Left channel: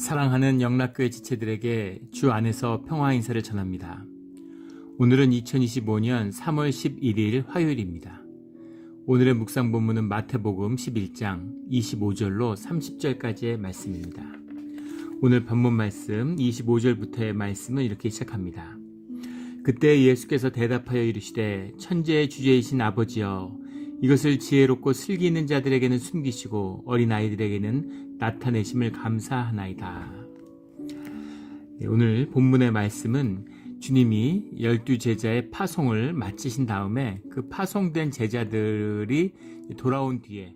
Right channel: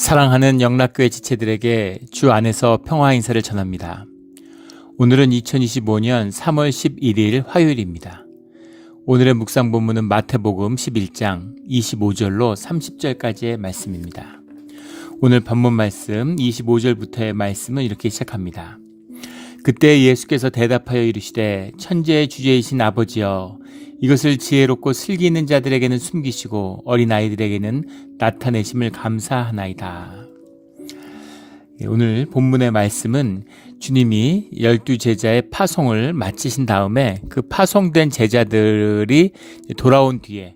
사랑하는 영락교회 지체들에게 주 안에서 평화 인사를 전합니다. 오늘은 2025년 3월 11일 화요일입니다. 오늘의 묵상 본문은 마태복음 11장 25절로 30절까지의 말씀입니다. 오늘 본문 말씀 25절부터의 말씀은 이렇게 시작합니다. 그때 예수께서 대답하여 이르시되 천지의 주제이신 아버지여, 이것을 지혜롭고 슬기 있는 자들에게는 숨기시고 어린아이들에게는 나타내심을 감사하나이다. 오늘 본문의 말씀은 주님이 12제자의 파송을 마치신 다음에 그 파송된 제자들이 돌아온 뒤에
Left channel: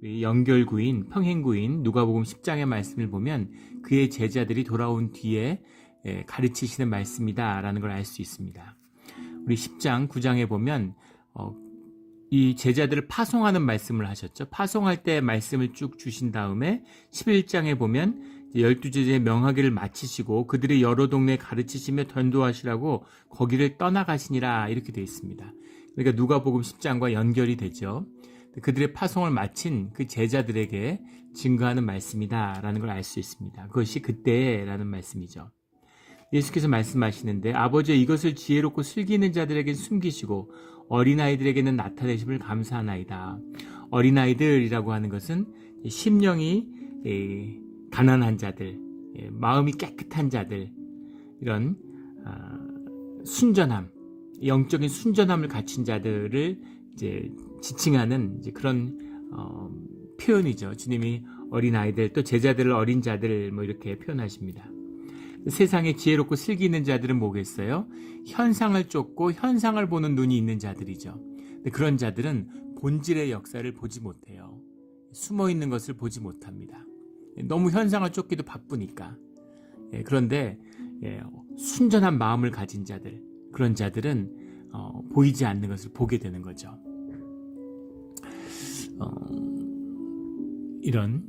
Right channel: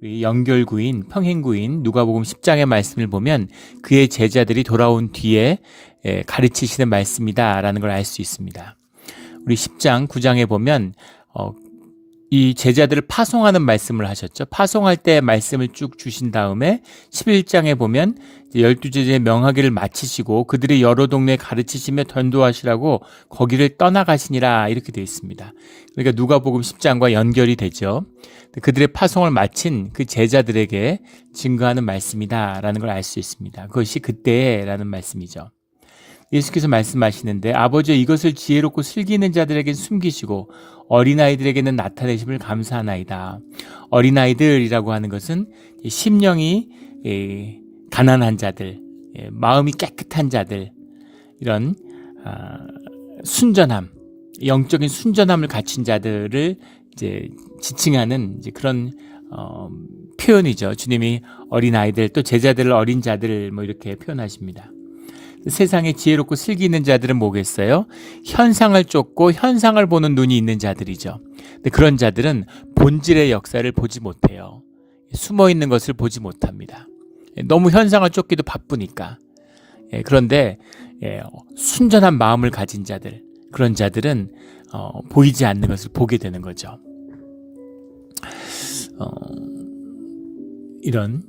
우리 연결구인, 평행구인 누가복음 10장의 말씀을 보면 그의 제자들이 돌아온 뒤에 가르치시는 말씀이다라는 걸 알 수 있습니다. 우리 10장, 9장에 보면 이 제자들을 파송하는 말씀을 하셨죠. 파송할 때 말씀을 쭉 주신 다음에 11장에 보면 12제자의 명하기를 마치시고 그들이 여러 동네에 가르치시며 전도하시라고 거기를 떠나가시니라, 이렇게 되어 있습니다. 그러니까 누가복음 10장과 연결이 되죠. 그들의 파송을 마친 그 제자들에게 증거하는 말씀이다라는 걸 알 수 있습니다. 그것이 그때라는 말씀이죠. 예수께서 말씀하시는데 아버지여, 이것을 지혜롭고 슬기 있는 자들에게 숨기시고 어린아이들에게는 나타내심을 감사하나이다. 어린아이들이라고 하는 것은 심령이 가난한 자들, 마음이 깨끗한 자들, 이런 순전함, 영적인 순전함을 갖춘 자들을 이제 지칭하는 이제 그런 표현이죠. 주님이 어린아이들, 또 제자들을 어린 자들 이렇게 표현하십니다. 세상에 지혜롭고 슬기 있는 자들은 뭐겠어요? 현상을 쫓고 현상을 보는 눈이 있는 자들이죠. 근데 그런 자들은 본질의 역사를 보지 못해요. 숨어 있는 것을 보지 못합니다. 너무 현상을 쫓기도 바쁘니까. 그런데 순전한 마음을 가진 자들, 그런 자들은 보이지 않는 것을 보게 되는 거죠. 이런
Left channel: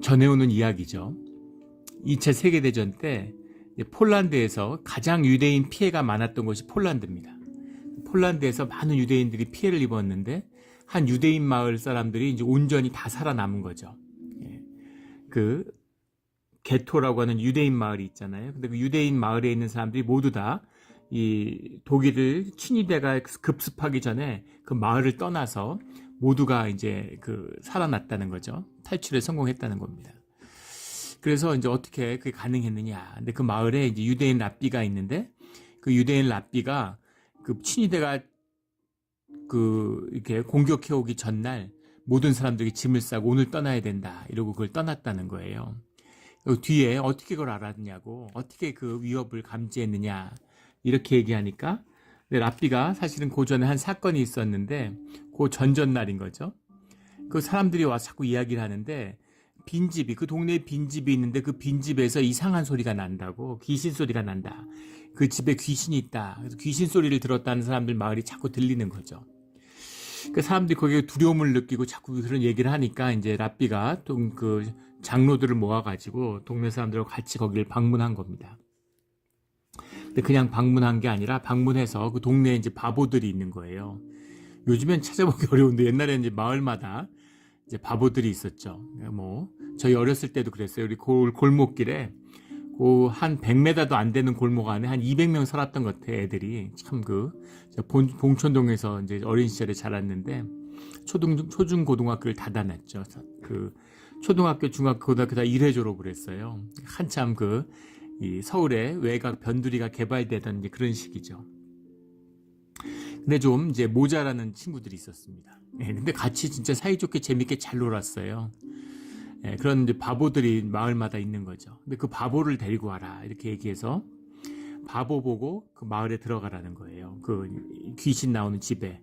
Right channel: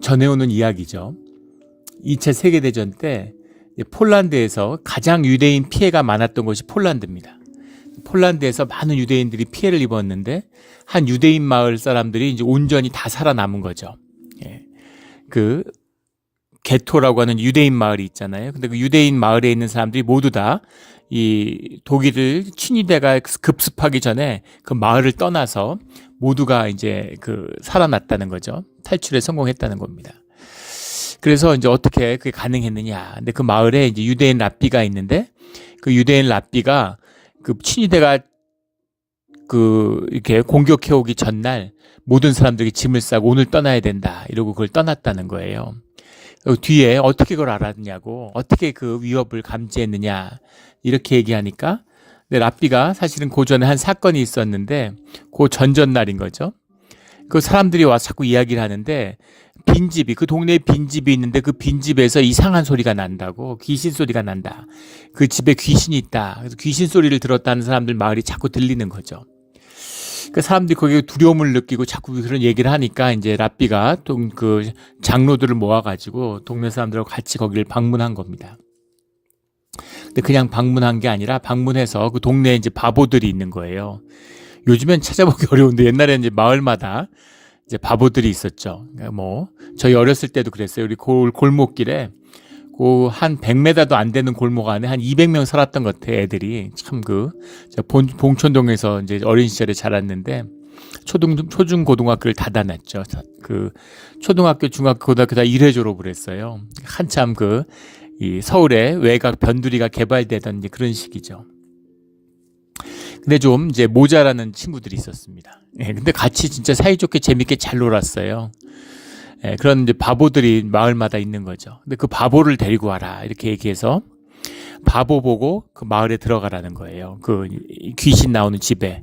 전해오는 이야기죠. 2차 세계대전 때 폴란드에서 가장 유대인 피해가 많았던 곳이 폴란드입니다. 폴란드에서 많은 유대인들이 피해를 입었는데 한 유대인 마을 사람들이 이제 온전히 다 살아남은 거죠. 그 게토라고 하는 유대인 마을이 있잖아요. 근데 그 유대인 마을에 있는 사람들이 모두 다 이 독일 친위대가 급습하기 전에 그 마을을 떠나서 모두가 이제 살아났다는 거죠. 탈출에 성공했다는 겁니다. 그래서 이제 어떻게 그게 가능했느냐. 근데 그 마을에 이제 유대인 랍비가 있는데 그 유대인 랍비가 그 친위대가 이렇게 공격해 오기 전날 모든 사람들이 짐을 싸고 오늘 떠나야 된다, 이러고 그걸 떠났다는 거예요. 뒤에 어떻게 그걸 알았냐고, 어떻게 그 위협을 감지했느냐, 이렇게 얘기하니까 랍비가 사실은 그 전에 한 사건이 있었는데 그 전전날인 거죠. 그 사람들이 와서 자꾸 이야기를 하는데 빈집이, 그 동네에 빈집이 있는데 그 빈집에서 이상한 소리가 난다고, 귀신 소리가 난다. 그 집에 귀신이 있다. 그래서 귀신 소리를 들었다는 사람들 마을이 자꾸 들리는 거죠. 그 사람들이 거기에 두려움을 느끼고 자꾸 그런 얘기를 하니까 이제 랍비가 그 장로들을 모아가지고 동네 사람들하고 같이 거기를 방문한 겁니다. 근데 그냥 방문한 게 아니라 방문해서 그 동네에 이제 바보들이 있는 거예요. 요즘엔 찾아보기 어려운데 옛날에는 이제 마을마다 이제 바보들이 있었죠. 그러니까 저희 어렸을 때도 그랬어요. 우리 골목길에 한 100m도 안 되는 골목 안에 한 200명 살았던 것 같아, 애들이. 참 봉천동에서 이제 어린 시절에 자랐는데 초중 고등학교를 다 다녔죠. 그 초등학교, 중학교, 고등학교 다 1회 졸업을 했어요. 한참 이 서울의 외곽 변두리가 개발되던 이제 그런 시기죠. 근데 좀 이제 모자라는 친구들이 있었습니다. 근데 같이 진짜 사이좋게 재밌게 잘 놀았어요. 그런 이제 바보들이 마을마다 있는 거죠. 근데 그 바보를 데리고 와라, 이렇게 얘기해서 바보 보고 그 마을에 들어가라는 거예요. 그 귀신 나오는 집에.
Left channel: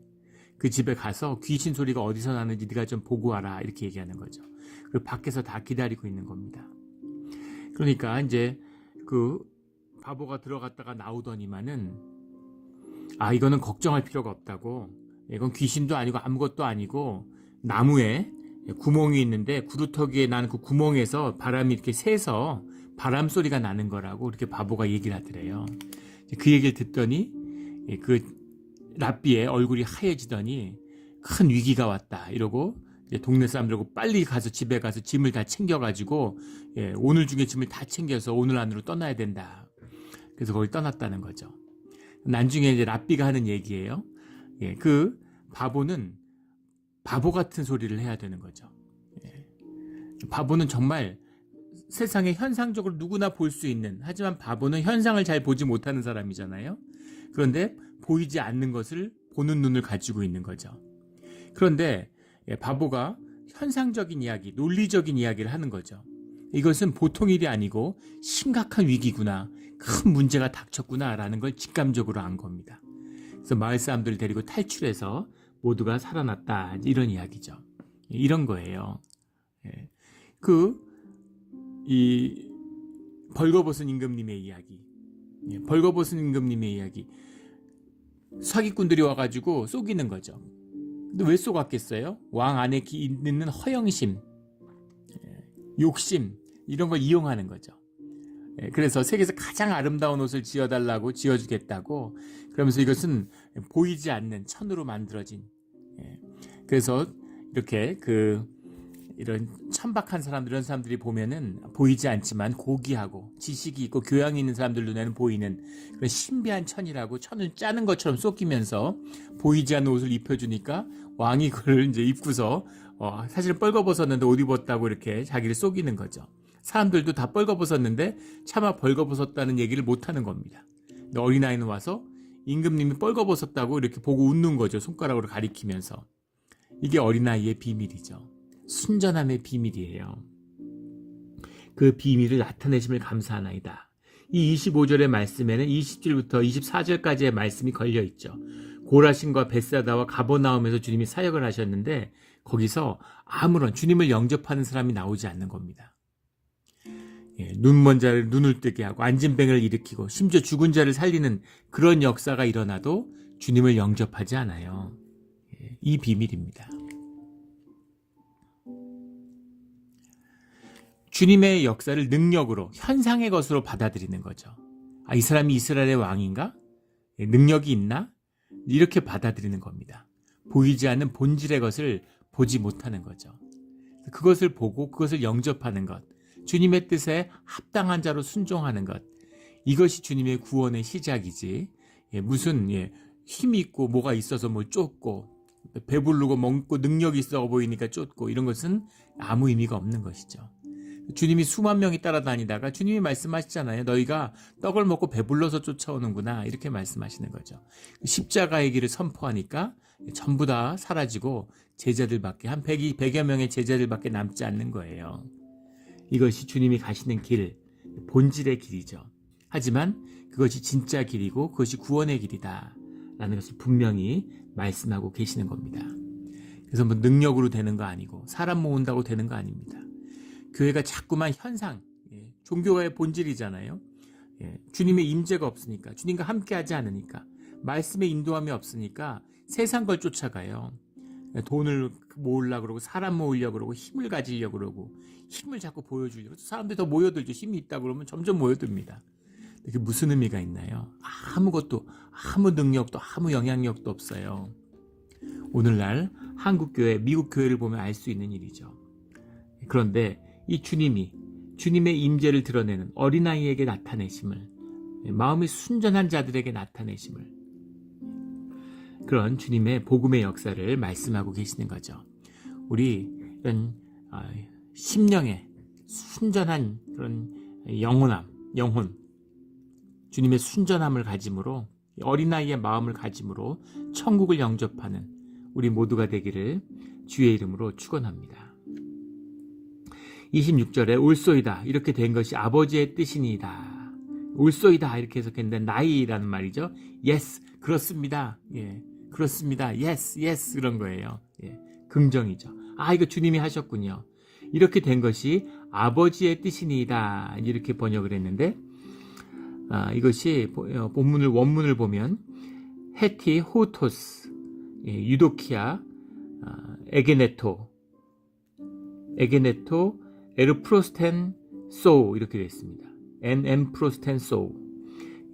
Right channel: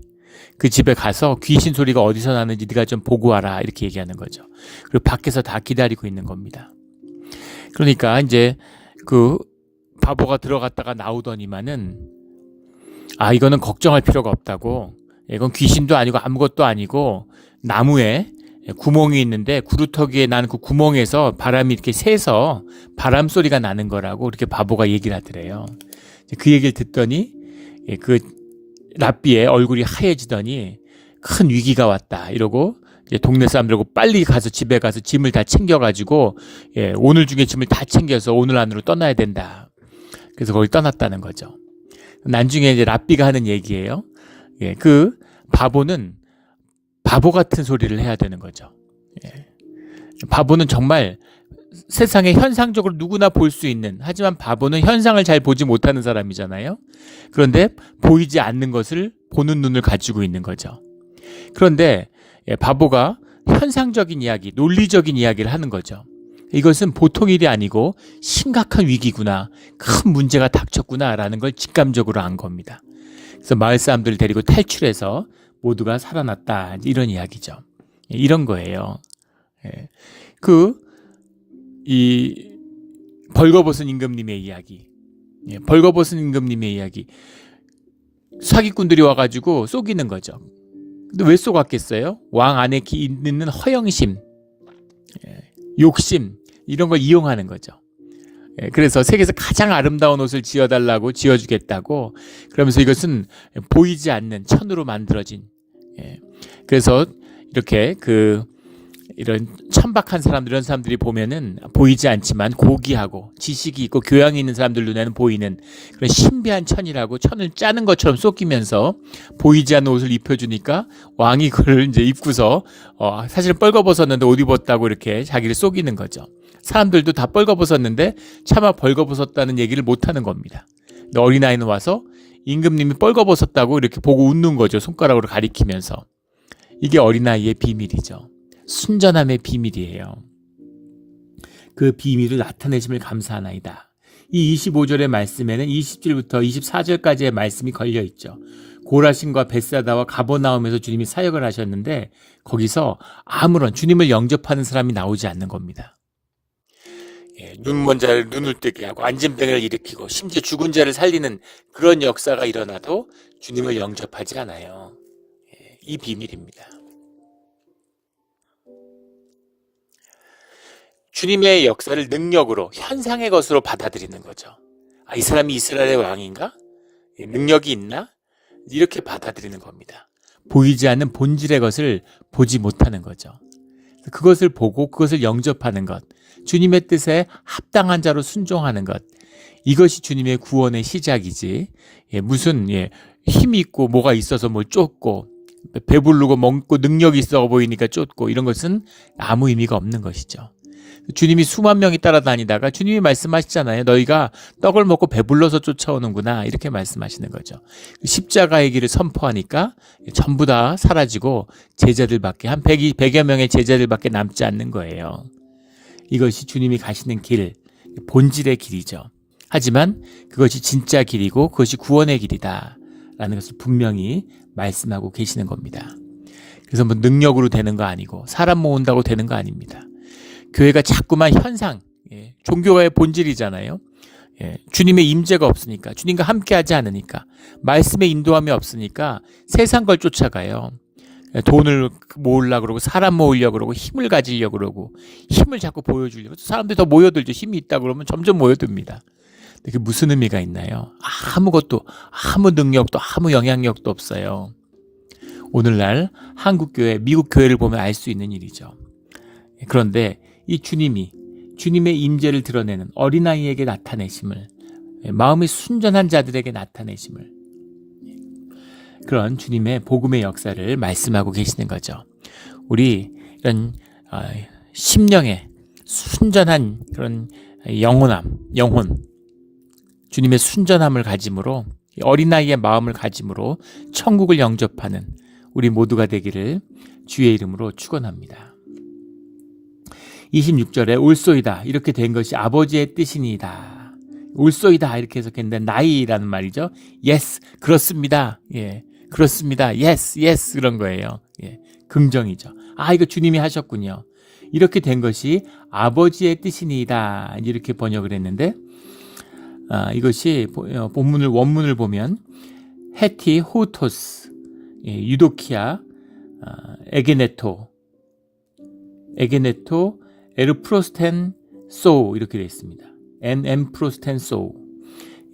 그 집에 가서 귀신 소리가 어디서 나는지 네가 좀 보고 와라, 이렇게 얘기하는 거죠. 그리고 밖에서 다 기다리고 있는 겁니다. 그러니까 이제 그 바보가 들어갔다가 나오더니만은 이거는 걱정할 필요가 없다고, 이건 귀신도 아니고 아무것도 아니고 나무에 구멍이 있는데 구루터기에 나는 그 구멍에서 바람이 이렇게 새서 바람 소리가 나는 거라고 이렇게 바보가 얘기를 하더래요. 그 얘기를 듣더니 그 랍비의 얼굴이 하얘지더니 큰 위기가 왔다, 이러고 동네 사람들하고 빨리 가서 집에 가서 짐을 다 챙겨가지고 오늘 중에 짐을 다 챙겨서 오늘 안으로 떠나야 된다. 그래서 거기 떠났다는 거죠. 나중에 이제 랍비가 하는 얘기예요. 그 바보는 바보 같은 소리를 해야 되는 거죠. 바보는 정말 세상에 현상적으로 누구나 볼 수 있는, 하지만 바보는 현상을 잘 보지 못하는 사람이잖아요. 그런데 보이지 않는 것을 보는 눈을 가지고 있는 거죠. 그런데 바보가 현상적인 이야기, 논리적인 이야기를 하는 거죠. 이것은 보통 일이 아니고 심각한 위기구나, 큰 문제가 닥쳤구나라는 걸 직감적으로 안 겁니다. 그래서 마을 사람들을 데리고 탈출해서 모두가 살아났다, 이런 이야기죠. 이런 거예요. 이 벌거벗은 임금님의 이야기, 벌거벗은 임금님의 이야기, 사기꾼들이 와가지고 속이는 거죠. 근데 왜 속았겠어요? 왕 안에 있는 허영심, 욕심, 이런 걸 이용하는 거죠. 그래서 세계에서 가장 아름다운 옷을 지어달라고 지어주겠다고, 그러면서 이것은 보이지 않는 천으로 만들어진, 그래서 이렇게 이런 천박한 사람들, 이런 사람들이 보면은 보이지 않지만 고귀하고 지식이 있고 교양이 있는 사람들 눈에는 보이는 그런 신비한 천이라고, 천을 짜는 것처럼 쏟기면서 보이지 않는 옷을 입혀주니까 왕이 그걸 이제 입고서 사실 뻘거벗었는데 옷 입었다고 이렇게 자기를 속이는 거죠. 사람들도 다 뻘거벗었는데 차마 벌거벗었다는 얘기를 못하는 겁니다. 근데 어린아이는 와서 임금님이 뻘거벗었다고 이렇게 보고 웃는 거죠. 손가락으로 가리키면서. 이게 어린아이의 비밀이죠. 순전함의 비밀이에요. 그 비밀을 나타내심을 감사하나이다. 이 25절의 말씀에는 20절부터 24절까지의 말씀이 걸려있죠. 고라신과 벳사다와 가버나움에서 주님이 사역을 하셨는데 거기서 아무런 주님을 영접하는 사람이 나오지 않는 겁니다. 눈먼 자를 눈을 뜨게 하고 앉은 뱅을 일으키고 심지어 죽은 자를 살리는 그런 역사가 일어나도 주님을 영접하지 않아요. 이 비밀입니다. 주님의 역사를 능력으로, 현상의 것으로 받아들이는 거죠. 이 사람이 이스라엘의 왕인가? 능력이 있나? 이렇게 받아들이는 겁니다. 보이지 않는 본질의 것을 보지 못하는 거죠. 그것을 보고 그것을 영접하는 것, 주님의 뜻에 합당한 자로 순종하는 것, 이것이 주님의 구원의 시작이지, 무슨 힘이 있고 뭐가 있어서 뭘 쫓고 배부르고 먹고 능력이 있어 보이니까 쫓고, 이런 것은 아무 의미가 없는 것이죠. 주님이 수만 명이 따라다니다가 주님이 말씀하시잖아요. 너희가 떡을 먹고 배불러서 쫓아오는구나, 이렇게 말씀하시는 거죠. 십자가의 길을 선포하니까 전부 다 사라지고 제자들밖에, 한 100여 명의 제자들밖에 남지 않는 거예요. 이것이 주님이 가시는 길, 본질의 길이죠. 하지만 그것이 진짜 길이고 그것이 구원의 길이다 라는 것을 분명히 말씀하고 계시는 겁니다. 그래서 뭐 능력으로 되는 거 아니고 사람 모은다고 되는 거 아닙니다. 교회가 자꾸만 현상, 종교가의 본질이잖아요. 주님의 임재가 없으니까, 주님과 함께하지 않으니까, 말씀의 인도함이 없으니까 세상 걸 쫓아가요. 돈을 모으려고 그러고 사람 모으려고 그러고 힘을 가지려고 그러고 힘을 자꾸 보여주려고, 사람들이 더 모여들죠. 힘이 있다 그러면 점점 모여듭니다. 그게 무슨 의미가 있나요? 아무것도, 아무 능력도 아무 영향력도 없어요. 오늘날 한국교회, 미국교회를 보면 알 수 있는 일이죠. 그런데 이 주님의 임재를 드러내는 어린아이에게 나타내심을, 마음이 순전한 자들에게 나타내심을, 그런 주님의 복음의 역사를 말씀하고 계시는 거죠. 우리 이런 심령의 순전한 그런 영혼, 주님의 순전함을 가짐으로, 어린아이의 마음을 가짐으로 천국을 영접하는 우리 모두가 되기를 주의 이름으로 축원합니다. 26절에 올소이다, 이렇게 된 것이 아버지의 뜻이니이다. 올소이다 이렇게 해석했는데 나이라는 말이죠. yes, 그렇습니다. 그렇습니다. yes, 그런 거예요. 긍정이죠. 이거 주님이 하셨군요. 이렇게 된 것이 아버지의 뜻이니이다, 이렇게 번역을 했는데, 이것이 원문을 보면 헤티, 호토스, 유도키아, 에게네토, 에르프로스텐 소, 이렇게 되어 있습니다. 프로스텐 소.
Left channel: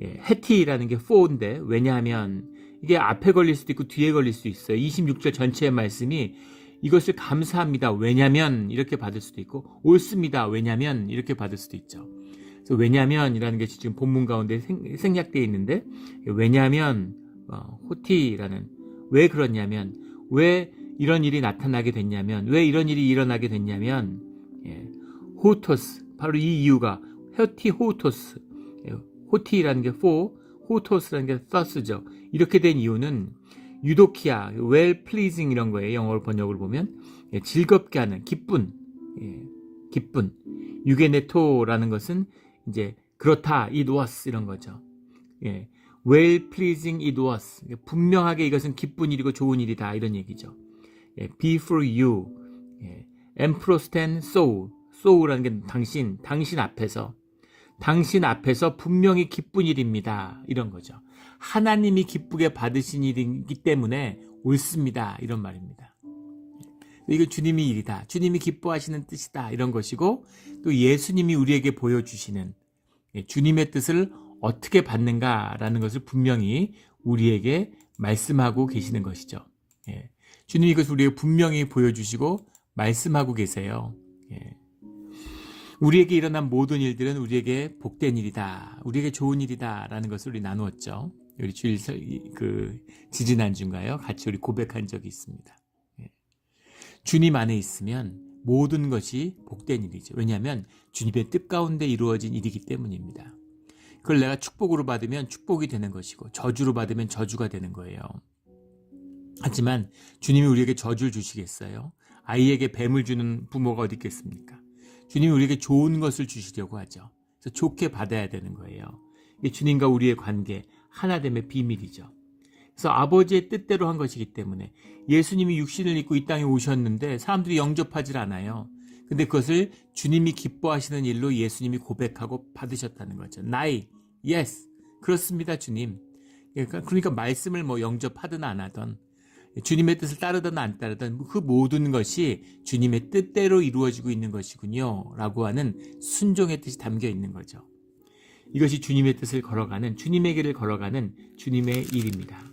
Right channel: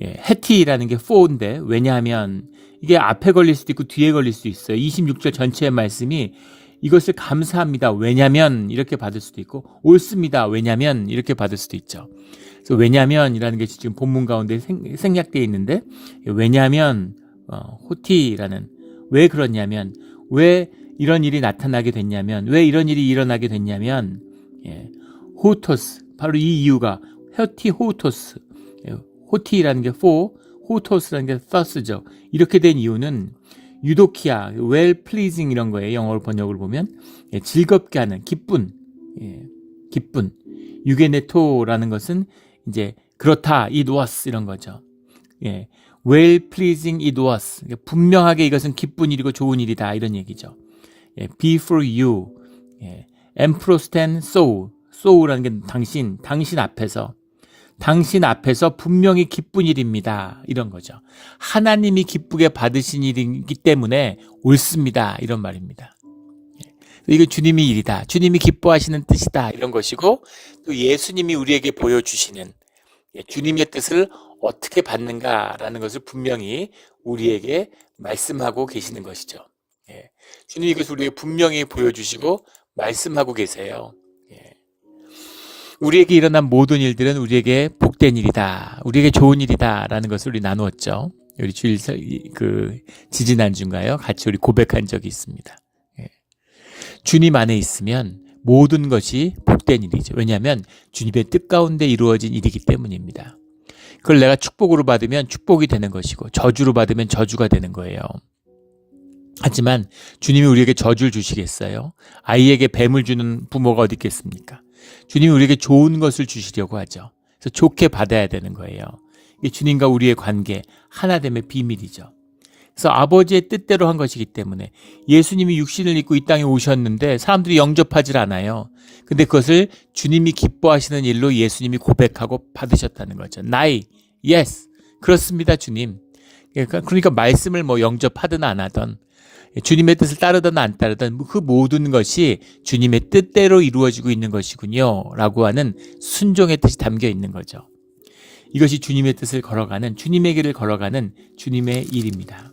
헤티라는 게 4인데, 왜냐하면 이게 앞에 걸릴 수도 있고 뒤에 걸릴 수도 있어요. 26절 전체의 말씀이 이것을 감사합니다. 왜냐면 이렇게 받을 수도 있고 옳습니다. 왜냐면 이렇게 받을 수도 있죠. 그래서 왜냐면이라는 게 지금 본문 가운데 생략되어 있는데 왜냐면 호티라는 왜 그렇냐면 왜 이런 일이 나타나게 됐냐면 왜 이런 일이 일어나게 됐냐면 호토스 바로 이 이유가 호티 호토스 호티라는 게 for 호토스라는 게 thus죠. 이렇게 된 이유는 유도키아, well pleasing 이런 거예요. 영어로 번역을 보면 즐겁게 하는 기쁜, 기쁜. 유게네토라는 것은 이제 그렇다, it was 이런 거죠. well pleasing it was 분명하게 이것은 기쁜 일이고 좋은 일이다 이런 얘기죠. be for you, emprosten so, so라는 게 당신 앞에서 분명히 기쁜 일입니다. 이런 거죠. 하나님이 기쁘게 받으신 일이기 때문에 옳습니다. 이런 말입니다. 이거 주님이 일이다. 주님이 기뻐하시는 뜻이다. 이런 것이고 또 예수님이 우리에게 보여주시는 주님의 뜻을 어떻게 받는가라는 것을 분명히 우리에게 말씀하고 계시는 것이죠. 주님이 이것을 우리에게 분명히 보여주시고 말씀하고 계세요. 우리에게 일어난 모든 일들은 우리에게 복된 일이다. 우리에게 좋은 일이다. 라는 것을 우리 나누었죠. 우리 주일 지지난주인가요? 같이 우리 고백한 적이 있습니다. 주님 안에 있으면 모든 것이 복된 일이죠. 왜냐하면 주님의 뜻 가운데 이루어진 일이기 때문입니다. 그걸 내가 축복으로 받으면 축복이 되는 것이고 저주로 받으면 저주가 되는 거예요. 하지만 주님이 우리에게 저주를 주시겠어요? 아이에게 뱀을 주는 부모가 어디 있겠습니까? 주님이 우리에게 좋은 것을 주시려고 하죠. 그래서 좋게 받아야 되는 거예요. 이게 주님과 우리의 관계, 하나됨의 비밀이죠. 그래서 아버지의 뜻대로 한 것이기 때문에 예수님이 육신을 입고 이 땅에 오셨는데 사람들이 영접하지 않아요. 근데 그것을 주님이 기뻐하시는 일로 예수님이 고백하고 받으셨다는 거죠. 나이, yes, 그렇습니다, 주님. 그러니까 말씀을 뭐 영접하든 안 하든 주님의 뜻을 따르든 안 따르든 그 모든 것이 주님의 뜻대로 이루어지고 있는 것이군요 라고 하는 순종의 뜻이 담겨 있는 거죠. 이것이 주님의 뜻을 걸어가는 주님의 길을 걸어가는 주님의 일입니다.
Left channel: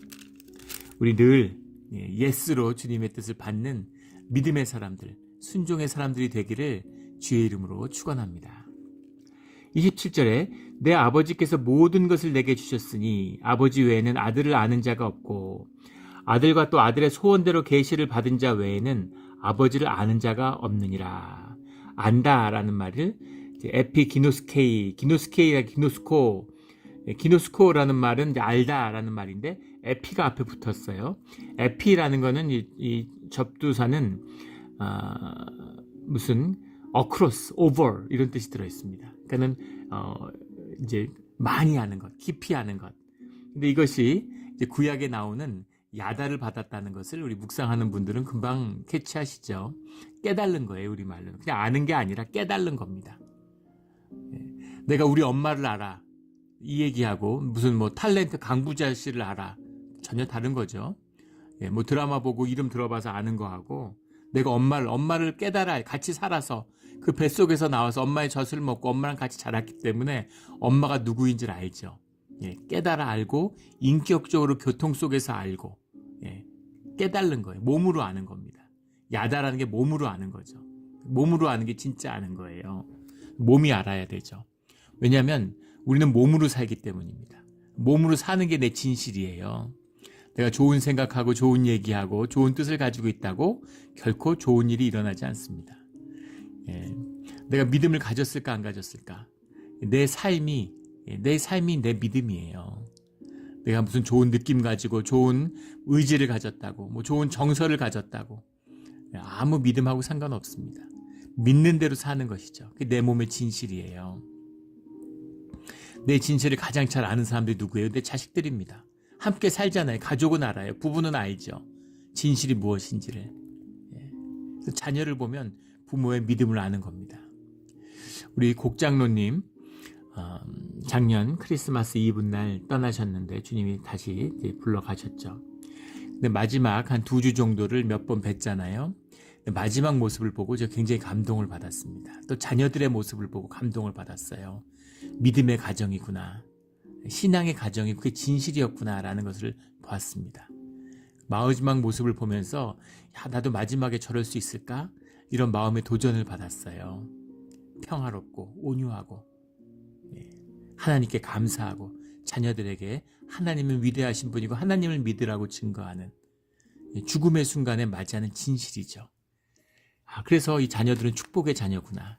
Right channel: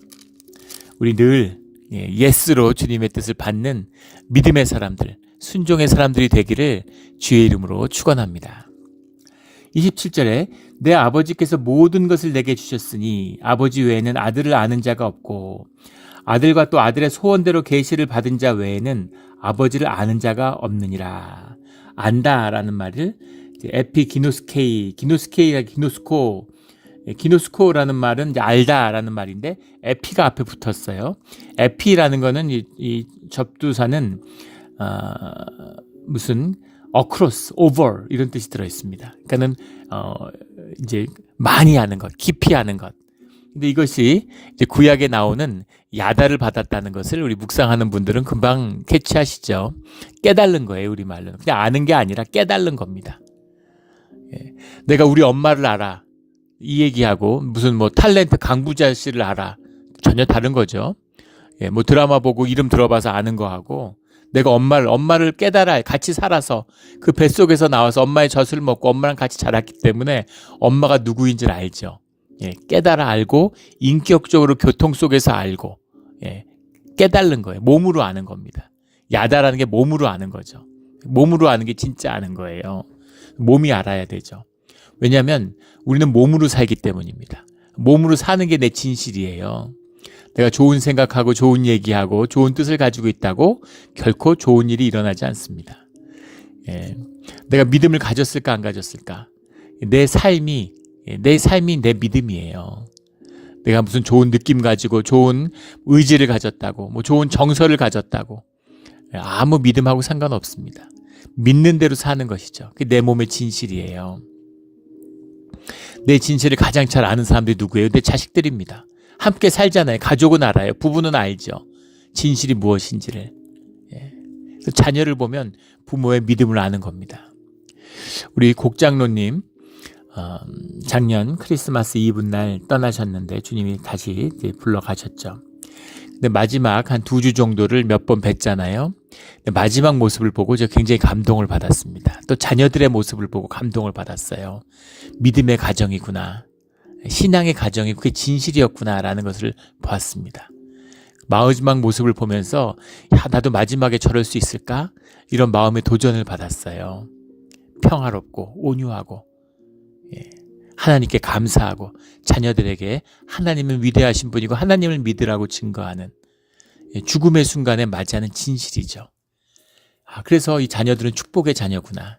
우리 늘 예스로 주님의 뜻을 받는 믿음의 사람들, 순종의 사람들이 되기를 주의 이름으로 축원합니다. 27절에 내 아버지께서 모든 것을 내게 주셨으니 아버지 외에는 아들을 아는 자가 없고 아들과 또 아들의 소원대로 계시를 받은 자 외에는 아버지를 아는 자가 없느니라. 안다라는 말을 에피기노스케이, 기노스코라는 말은 이제 알다라는 말인데 에피가 앞에 붙었어요. 에피라는 거는 이 접두사는 무슨 across, over 이런 뜻이 들어 있습니다. 그러니까는 이제 많이 아는 것, 깊이 아는 것. 근데 이것이 이제 구약에 나오는 야다를 받았다는 것을 우리 묵상하는 분들은 금방 캐치하시죠. 깨달는 거예요, 우리 말로는. 그냥 아는 게 아니라 깨달는 겁니다. 내가 우리 엄마를 알아. 이 얘기하고 무슨 뭐 탤런트 강부자 씨를 알아. 전혀 다른 거죠. 뭐 드라마 보고 이름 들어봐서 아는 거하고 내가 엄마를 깨달아 같이 살아서 그 뱃속에서 나와서 엄마의 젖을 먹고 엄마랑 같이 자랐기 때문에 엄마가 누구인지를 알죠. 깨달아 알고 인격적으로 교통 속에서 알고 깨달는 거예요. 몸으로 아는 겁니다. 야다라는 게 몸으로 아는 거죠. 몸으로 아는 게 진짜 아는 거예요. 몸이 알아야 되죠. 왜냐하면 우리는 몸으로 살기 때문입니다. 몸으로 사는 게 내 진실이에요. 내가 좋은 생각하고 좋은 얘기하고 좋은 뜻을 가지고 있다고 결코 좋은 일이 일어나지 않습니다. 내가 믿음을 가졌을까 안 가졌을까? 내 삶이 내 믿음이에요. 내가 무슨 좋은 느낌 가지고 좋은 의지를 가졌다고 뭐 좋은 정서를 가졌다고 아무 믿음하고 상관없습니다. 믿는 대로 사는 것이죠. 그게 내 몸의 진실이에요. 내 진실을 가장 잘 아는 사람들이 누구예요? 내 자식들입니다. 함께 살잖아요. 가족은 알아요. 부부는 알죠. 진실이 무엇인지를. 자녀를 보면 부모의 믿음을 아는 겁니다. 우리 곡장로님 작년 크리스마스 이브날 떠나셨는데 주님이 다시 불러가셨죠. 근데 마지막 한 2주 정도를 몇 번 뵀잖아요. 마지막 모습을 보고 저 굉장히 감동을 받았습니다. 또 자녀들의 모습을 보고 감동을 받았어요. 믿음의 가정이구나. 신앙의 가정이 그게 진실이었구나라는 것을 보았습니다. 마지막 모습을 보면서 야, 나도 마지막에 저럴 수 있을까? 이런 마음의 도전을 받았어요. 평화롭고 온유하고 하나님께 감사하고 자녀들에게 하나님은 위대하신 분이고 하나님을 믿으라고 증거하는 죽음의 순간에 맞이하는 진실이죠. 그래서 이 자녀들은 축복의 자녀구나.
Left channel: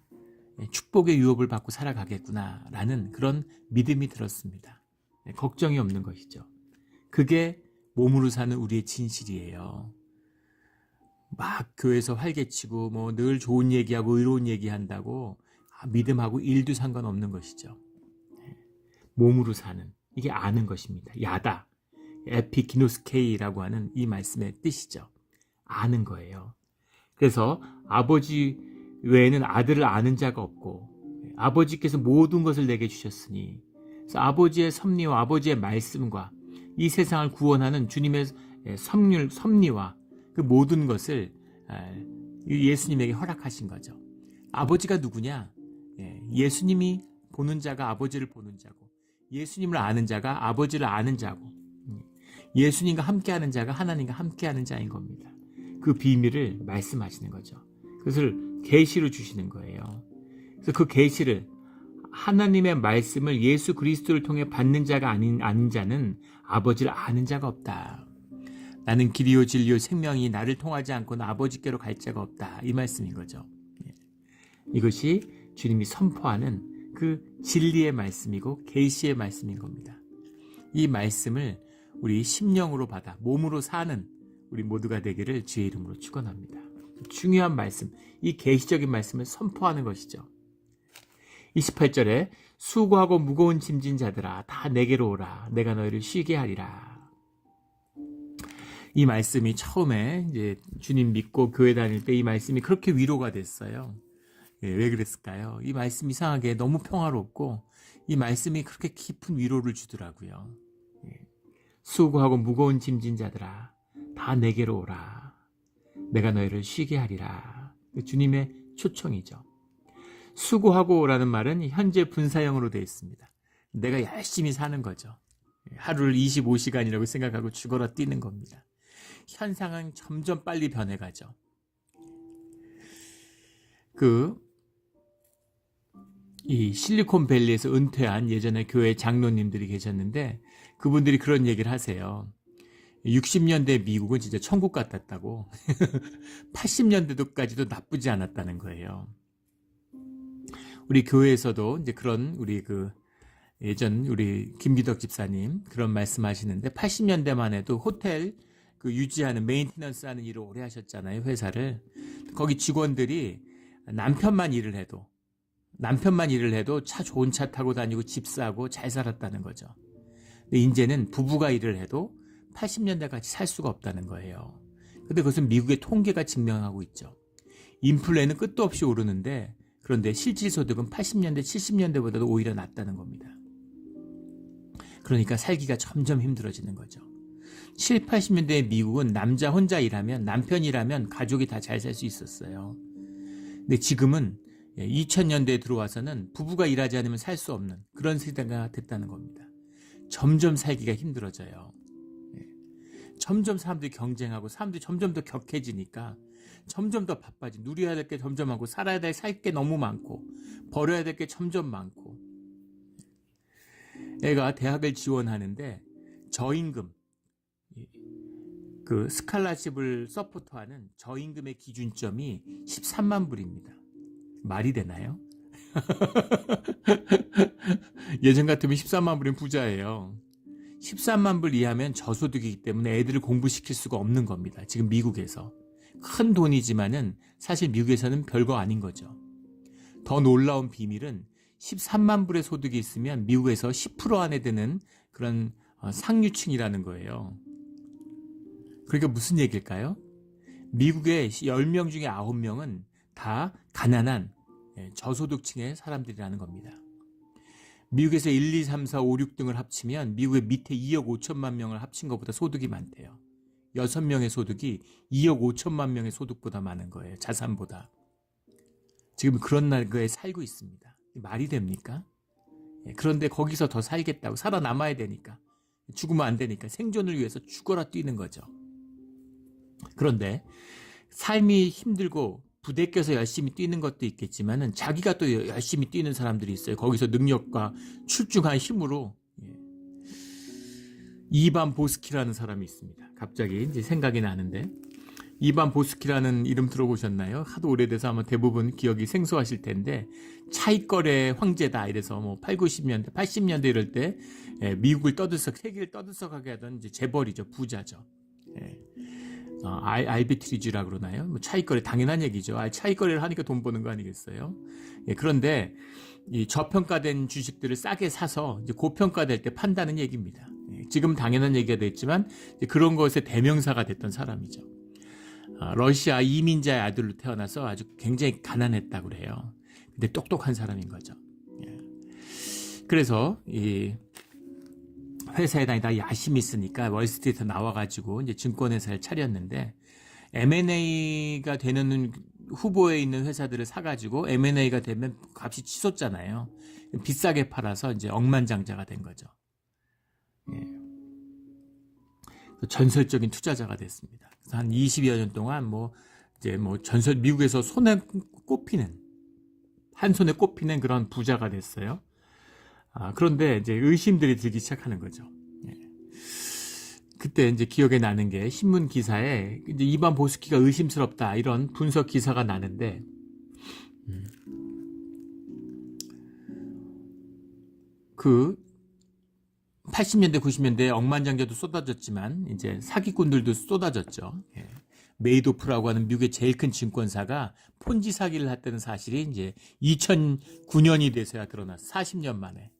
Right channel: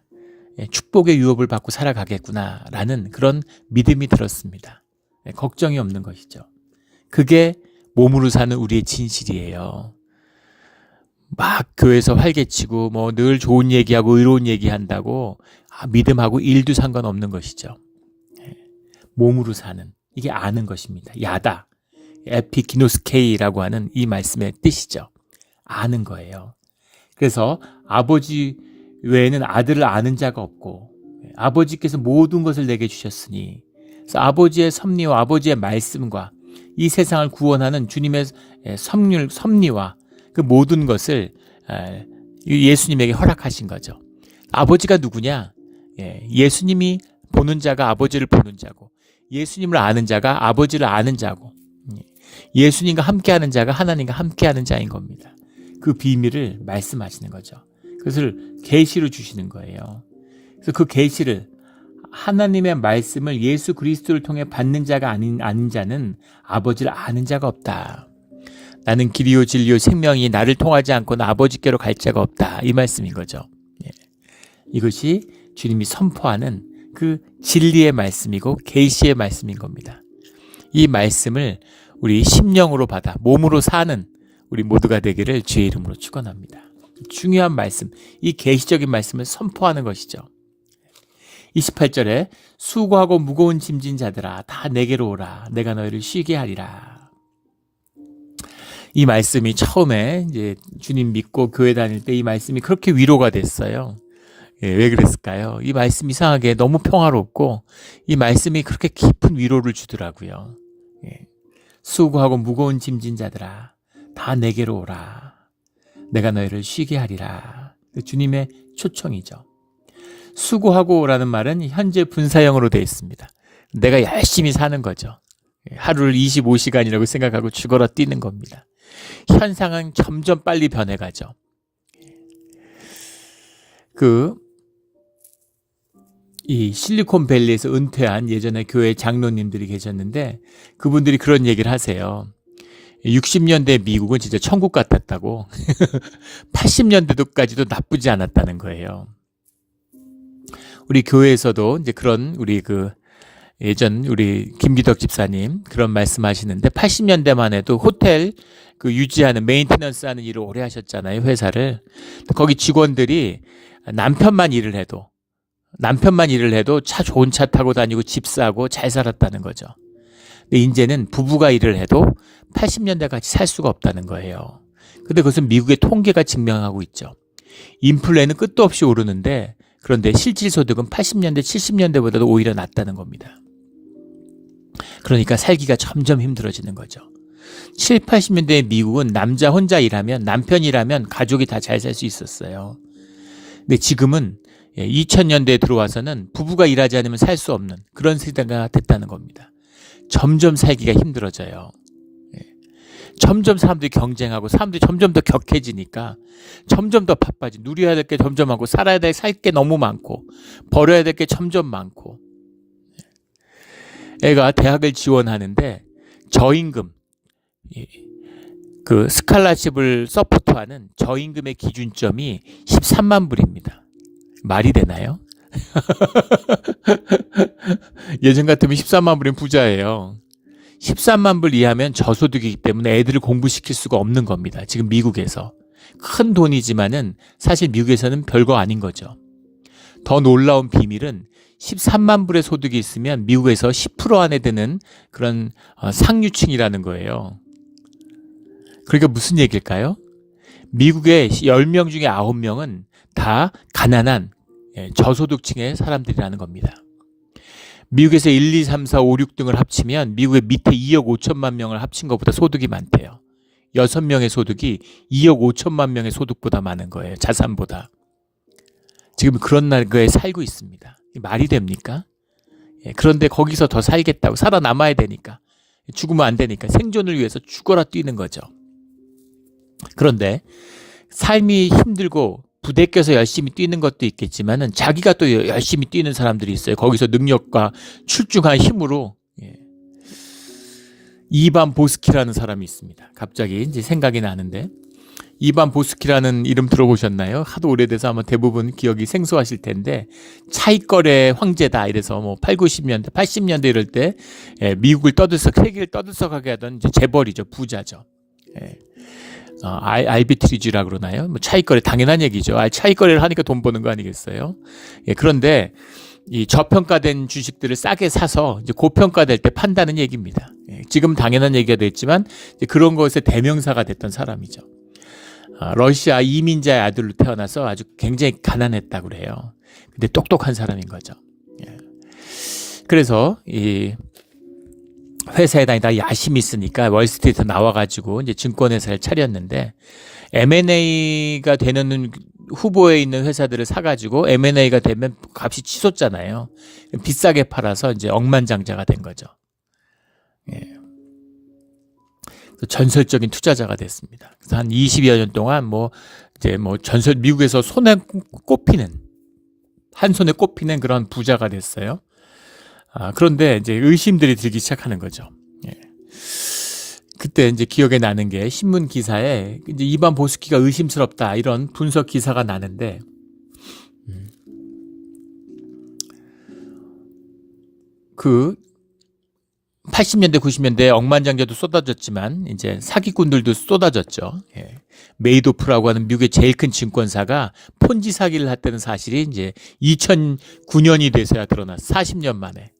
축복의 유업을 받고 살아가겠구나 라는 그런 믿음이 들었습니다. 걱정이 없는 것이죠. 그게 몸으로 사는 우리의 진실이에요. 막 교회에서 활개치고 뭐 늘 좋은 얘기하고 의로운 얘기한다고 믿음하고 일도 상관없는 것이죠. 몸으로 사는, 이게 아는 것입니다. 야다, 에피기노스케이라고 하는 이 말씀의 뜻이죠. 아는 거예요. 그래서 아버지 외에는 아들을 아는 자가 없고 아버지께서 모든 것을 내게 주셨으니, 그래서 아버지의 섭리와 아버지의 말씀과 이 세상을 구원하는 주님의 섭리와 그 모든 것을 예수님에게 허락하신 거죠. 아버지가 누구냐? 예수님이 보는 자가 아버지를 보는 자고, 예수님을 아는 자가 아버지를 아는 자고, 예수님과 함께하는 자가 하나님과 함께하는 자인 겁니다. 그 비밀을 말씀하시는 거죠. 그것을 계시로 주시는 거예요. 그래서 그 계시를, 하나님의 말씀을 예수 그리스도를 통해 받는 자가 아닌 자는 아버지를 아는 자가 없다. 나는 길이요 진리요 생명이 나를 통하지 않고는 아버지께로 갈 자가 없다. 이 말씀인 거죠. 이것이 주님이 선포하는 그 진리의 말씀이고 계시의 말씀인 겁니다. 이 말씀을 우리 심령으로 받아 몸으로 사는 우리 모두가 되기를 주의 이름으로 축원합니다. 중요한 말씀, 이 계시적인 말씀을 선포하는 것이죠. 28절에 수고하고 무거운 짐진 자들아 다 내게로 오라 내가 너희를 쉬게 하리라. 이 말씀이 처음에 이제 주님 믿고 교회 다닐 때 이 말씀이 그렇게 위로가 됐어요. 왜 그랬을까요? 이 말씀이 이상하게 너무 평화롭고 이 말씀이 그렇게 깊은 위로를 주더라고요. 수고하고 무거운 짐진 자들아 다 내게로 오라 내가 너희를 쉬게 하리라. 주님의 초청이죠. 수고하고 오라는 말은 현재 분사형으로 되어 있습니다. 내가 열심히 사는 거죠. 하루를 25시간이라고 생각하고 죽어라 뛰는 겁니다. 현상은 점점 빨리 변해가죠. 이 실리콘밸리에서 은퇴한 예전에 교회 장로님들이 계셨는데 그분들이 그런 얘기를 하세요. 60년대 미국은 진짜 천국 같았다고 80년대도까지도 나쁘지 않았다는 거예요. 우리 교회에서도 이제 그런 예전 우리 김기덕 집사님 그런 말씀하시는데 80년대만 해도 호텔 유지하는 메인테넌스 하는 일을 오래 하셨잖아요. 회사를. 거기 직원들이 남편만 일을 해도 좋은 차 타고 다니고 집 사고 잘 살았다는 거죠. 근데 이제는 부부가 일을 해도 80년대 같이 살 수가 없다는 거예요. 근데 그것은 미국의 통계가 증명하고 있죠. 인플레는 끝도 없이 오르는데 그런데 실질 소득은 80년대, 70년대보다도 오히려 낮다는 겁니다. 그러니까 살기가 점점 힘들어지는 거죠. 7, 80년대 미국은 남자 혼자 일하면, 남편이 일하면 가족이 다 잘 살 수 있었어요. 근데 지금은 2000년대에 들어와서는 부부가 일하지 않으면 살 수 없는 그런 세대가 됐다는 겁니다. 점점 살기가 힘들어져요. 점점 사람들이 경쟁하고 사람들이 점점 더 격해지니까 점점 더 바빠지. 누려야 될 게 점점 많고 살아야 될 살 게 너무 많고 버려야 될 게 점점 많고. 애가 대학을 지원하는데 저임금, 스칼라십을 서포트하는 저임금의 기준점이 13만 불입니다. 말이 되나요? 예전 같으면 13만 불이면 부자예요. 13만 불 이하면 저소득이기 때문에 애들을 공부시킬 수가 없는 겁니다. 지금 미국에서. 큰 돈이지만은 사실 미국에서는 별거 아닌 거죠. 더 놀라운 비밀은 13만 불의 소득이 있으면 미국에서 10% 안에 드는 그런 상류층이라는 거예요. 그러니까 무슨 얘기일까요? 미국의 10명 중에 9명은 다 가난한 저소득층의 사람들이라는 겁니다. 미국에서 1, 2, 3, 4, 5, 6등을 합치면 미국의 밑에 2억 5천만 명을 합친 것보다 소득이 많대요. 6명의 소득이 2억 5천만 명의 소득보다 많은 거예요. 자산보다. 지금 그런 나라에 살고 있습니다. 말이 됩니까? 그런데 거기서 더 살겠다고 살아남아야 되니까 죽으면 안 되니까 생존을 위해서 죽어라 뛰는 거죠. 그런데 삶이 힘들고 부대 껴서 열심히 뛰는 것도 있겠지만은 자기가 또 열심히 뛰는 사람들이 있어요. 거기서 능력과 출중한 힘으로. 예. 이반 보스키라는 사람이 있습니다. 갑자기 이제 생각이 나는데, 이반 보스키라는 이름 들어보셨나요? 하도 오래돼서 아마 대부분 기억이 생소하실 텐데, 차이거래 황제다 이래서 뭐 8, 90년대, 80년대 이럴 때 미국을 세계를 떠들썩하게 하던 이제 재벌이죠. 부자죠. 예. 알비트리지라 그러나요? 뭐 차익거래 당연한 얘기죠. 차익거래를 하니까 돈 버는 거 아니겠어요? 예, 그런데 이 저평가된 주식들을 싸게 사서 이제 고평가될 때 판다는 얘기입니다. 예, 지금 당연한 얘기가 됐지만 이제 그런 것의 대명사가 됐던 사람이죠. 러시아 이민자의 아들로 태어나서 아주 굉장히 가난했다고 그래요. 근데 똑똑한 사람인 거죠. 예. 그래서 이 회사에 다니다 야심이 있으니까 월스트리트 나와가지고 이제 증권회사를 차렸는데, M&A가 되는 후보에 있는 회사들을 사가지고 M&A가 되면 값이 치솟잖아요. 비싸게 팔아서 이제 억만장자가 된 거죠. 예. 전설적인 투자자가 됐습니다. 그래서 한 20여 년 동안 미국에서 한 손에 꼽히는 그런 부자가 됐어요. 그런데 이제 의심들이 들기 시작하는 거죠. 예. 그때 이제 기억에 나는 게 신문 기사에 이제 이반 보스키가 의심스럽다 이런 분석 기사가 나는데, 그 80년대 90년대 억만장자도 쏟아졌지만 이제 사기꾼들도 쏟아졌죠. 예. 메이도프라고 하는 미국의 제일 큰 증권사가 폰지 사기를 했다는 사실이 이제 2009년이 돼서야 드러났어. 40년 만에.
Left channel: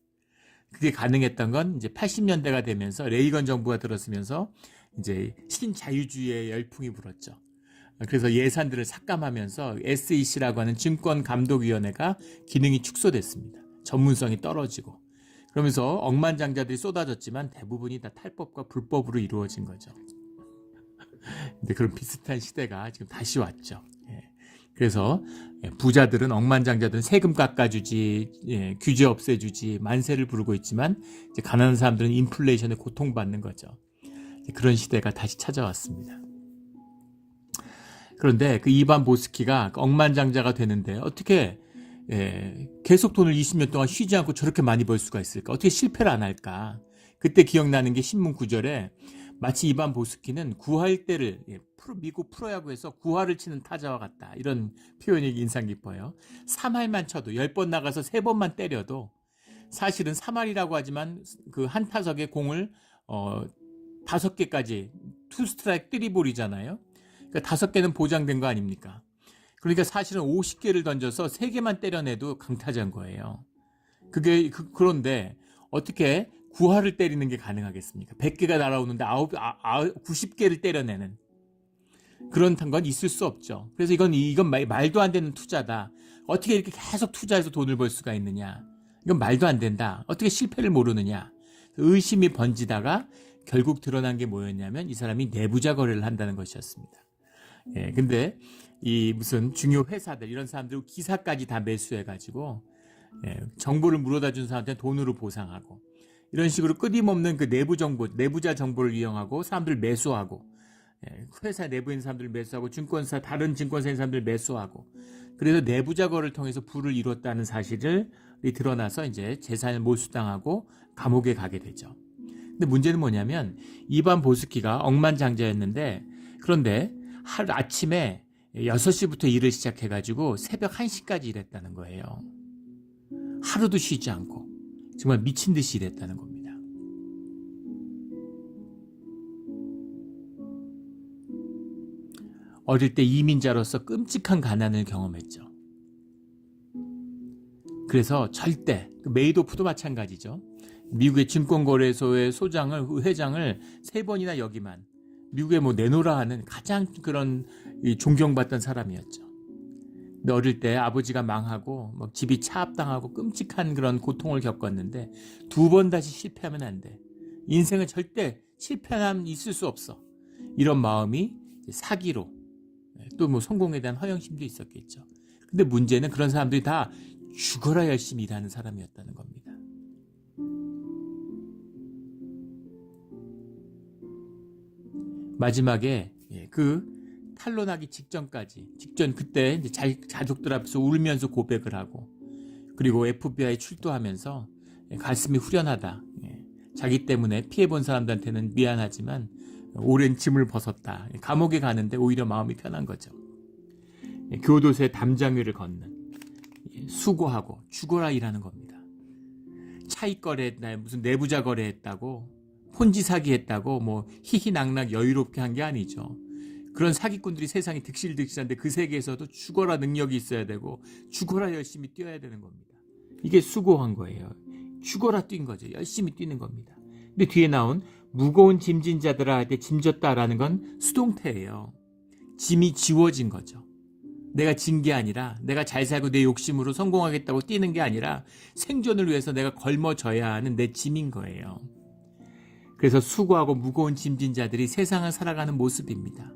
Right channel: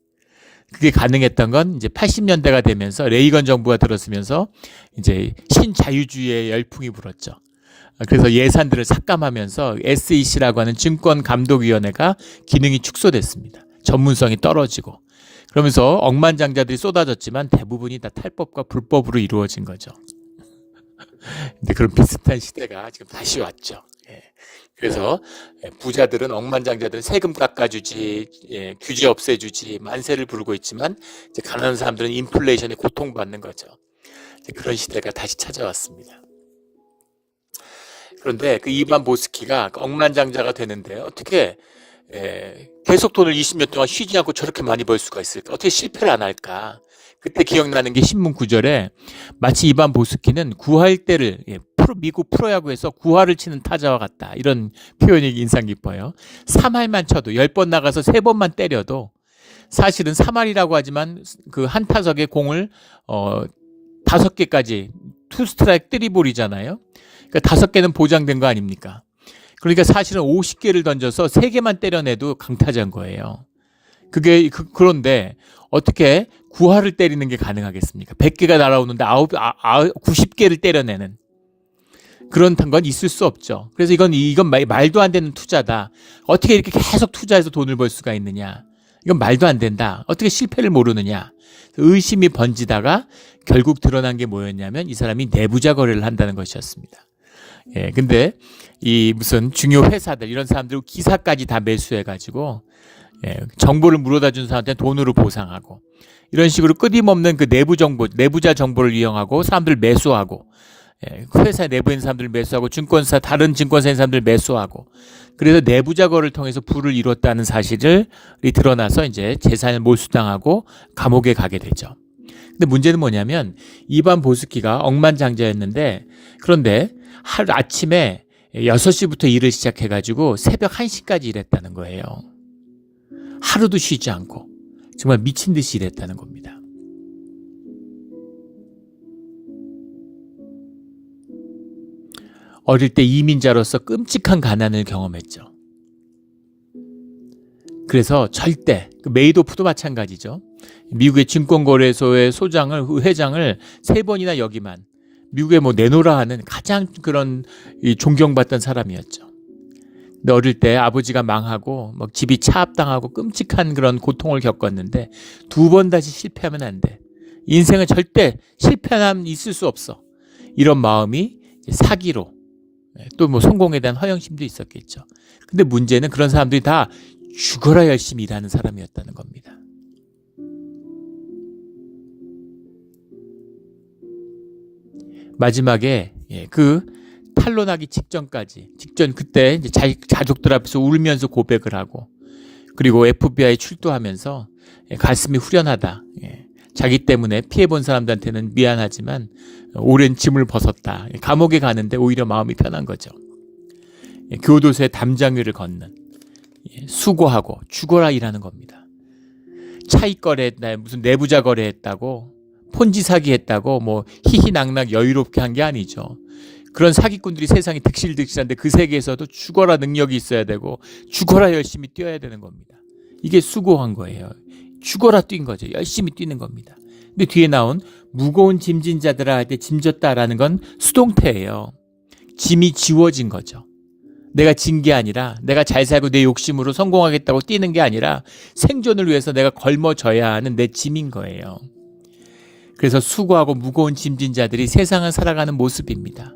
그게 가능했던 건 이제 80년대가 되면서 레이건 정부가 들었으면서 이제 신자유주의의 열풍이 불었죠. 그래서 예산들을 삭감하면서 SEC라고 하는 증권감독위원회가 기능이 축소됐습니다. 전문성이 떨어지고. 그러면서 억만장자들이 쏟아졌지만 대부분이 다 탈법과 불법으로 이루어진 거죠. 근데 그런 비슷한 시대가 지금 다시 왔죠. 예. 그래서 부자들은, 억만장자들은 세금 깎아주지, 예, 규제 없애주지, 만세를 부르고 있지만 이제 가난한 사람들은 인플레이션에 고통받는 거죠. 그런 시대가 다시 찾아왔습니다. 그런데 그 이반 보스키가 억만장자가 되는데 어떻게 계속 돈을 20년 동안 쉬지 않고 저렇게 많이 벌 수가 있을까? 어떻게 실패를 안 할까? 그때 기억나는 게 신문 구절에 마치 이반 보스키는 구할 때를 미국 프로야구에서 구할을 치는 타자와 같다. 이런 표현이 인상 깊어요. 3할만 쳐도 10번 나가서 3번만 때려도 사실은 3할이라고 하지만 그 한 타석에 공을 5개까지 투 스트라이크 3볼이잖아요. 그러니까 5개는 보장된 거 아닙니까? 그러니까 사실은 50개를 던져서 3개만 때려내도 강타자인 거예요. 그런데 어떻게 9할을 때리는 게 가능하겠습니까? 100개가 날아오는데 90개를 때려내는 그런 건 있을 수 없죠. 그래서 이건 말도 안 되는 투자다. 어떻게 이렇게 계속 투자해서 돈을 벌 수가 있느냐? 이건 말도 안 된다. 어떻게 실패를 모르느냐? 의심이 번지다가 결국 드러난 게 뭐였냐면 이 사람이 내부자 거래를 한다는 것이었습니다. 예, 근데 이 무슨 중요 회사들 이런 사람들 기사까지 다 매수해가지고 정보를 물어다 준 사람한테 돈으로 보상하고 이런 식으로 끊임없는 그 내부자 정보를 이용하고 사람들 매수하고 회사 내부에 있는 사람들 매수하고 다른 증권사에 있는 사람들 매수하고 그래서 내부자 거래를 통해서 부를 이뤘다는 사실이 드러나서 이제 재산을 몰수당하고 감옥에 가게 되죠. 근데 문제는 뭐냐면 이반 보스키가 억만장자였는데 그런데 하루 아침에 6시부터 일을 시작해가지고 새벽 1시까지 일했다는 거예요. 하루도 쉬지 않고 정말 미친 듯이 일했다는 겁니다. 어릴 때 이민자로서 끔찍한 가난을 경험했죠. 그래서 절대 메이도프도 마찬가지죠. 미국의 증권거래소의 회장을 3번이나 역임한 미국에 내놓으라 하는 가장 그런 존경받던 사람이었죠. 근데 어릴 때 아버지가 망하고 집이 차압당하고 끔찍한 그런 고통을 겪었는데 2번 다시 실패하면 안 돼. 인생은 절대 실패함 있을 수 없어. 이런 마음이 사기로 또 성공에 대한 허영심도 있었겠죠. 근데 문제는 그런 사람들이 다 죽어라 열심히 일하는 사람이었다는 겁니다. 마지막에 그 탄로나기 직전 그때 이제 가족들 앞에서 울면서 고백을 하고, 그리고 FBI 출두하면서 가슴이 후련하다. 자기 때문에 피해본 사람들한테는 미안하지만 오랜 짐을 벗었다. 감옥에 가는데 오히려 마음이 편한 거죠. 교도소의 담장 위를 걷는, 수고하고 죽어라 일하는 겁니다. 차익 거래했다, 무슨 내부자 거래했다고, 폰지 사기했다고 뭐 희희낙낙 여유롭게 한 게 아니죠. 그런 사기꾼들이 세상에 득실득실한데 그 세계에서도 죽어라 능력이 있어야 되고 죽어라 열심히 뛰어야 되는 겁니다. 이게 수고한 거예요. 죽어라 뛴 거죠. 열심히 뛰는 겁니다. 근데 뒤에 나온 무거운 짐진 자들아 할 때 짐졌다라는 건 수동태예요. 짐이 지워진 거죠. 내가 진 게 아니라, 내가 잘 살고 내 욕심으로 성공하겠다고 뛰는 게 아니라 생존을 위해서 내가 걸머져야 하는 내 짐인 거예요. 그래서 수고하고 무거운 짐진 자들이 세상을 살아가는 모습입니다.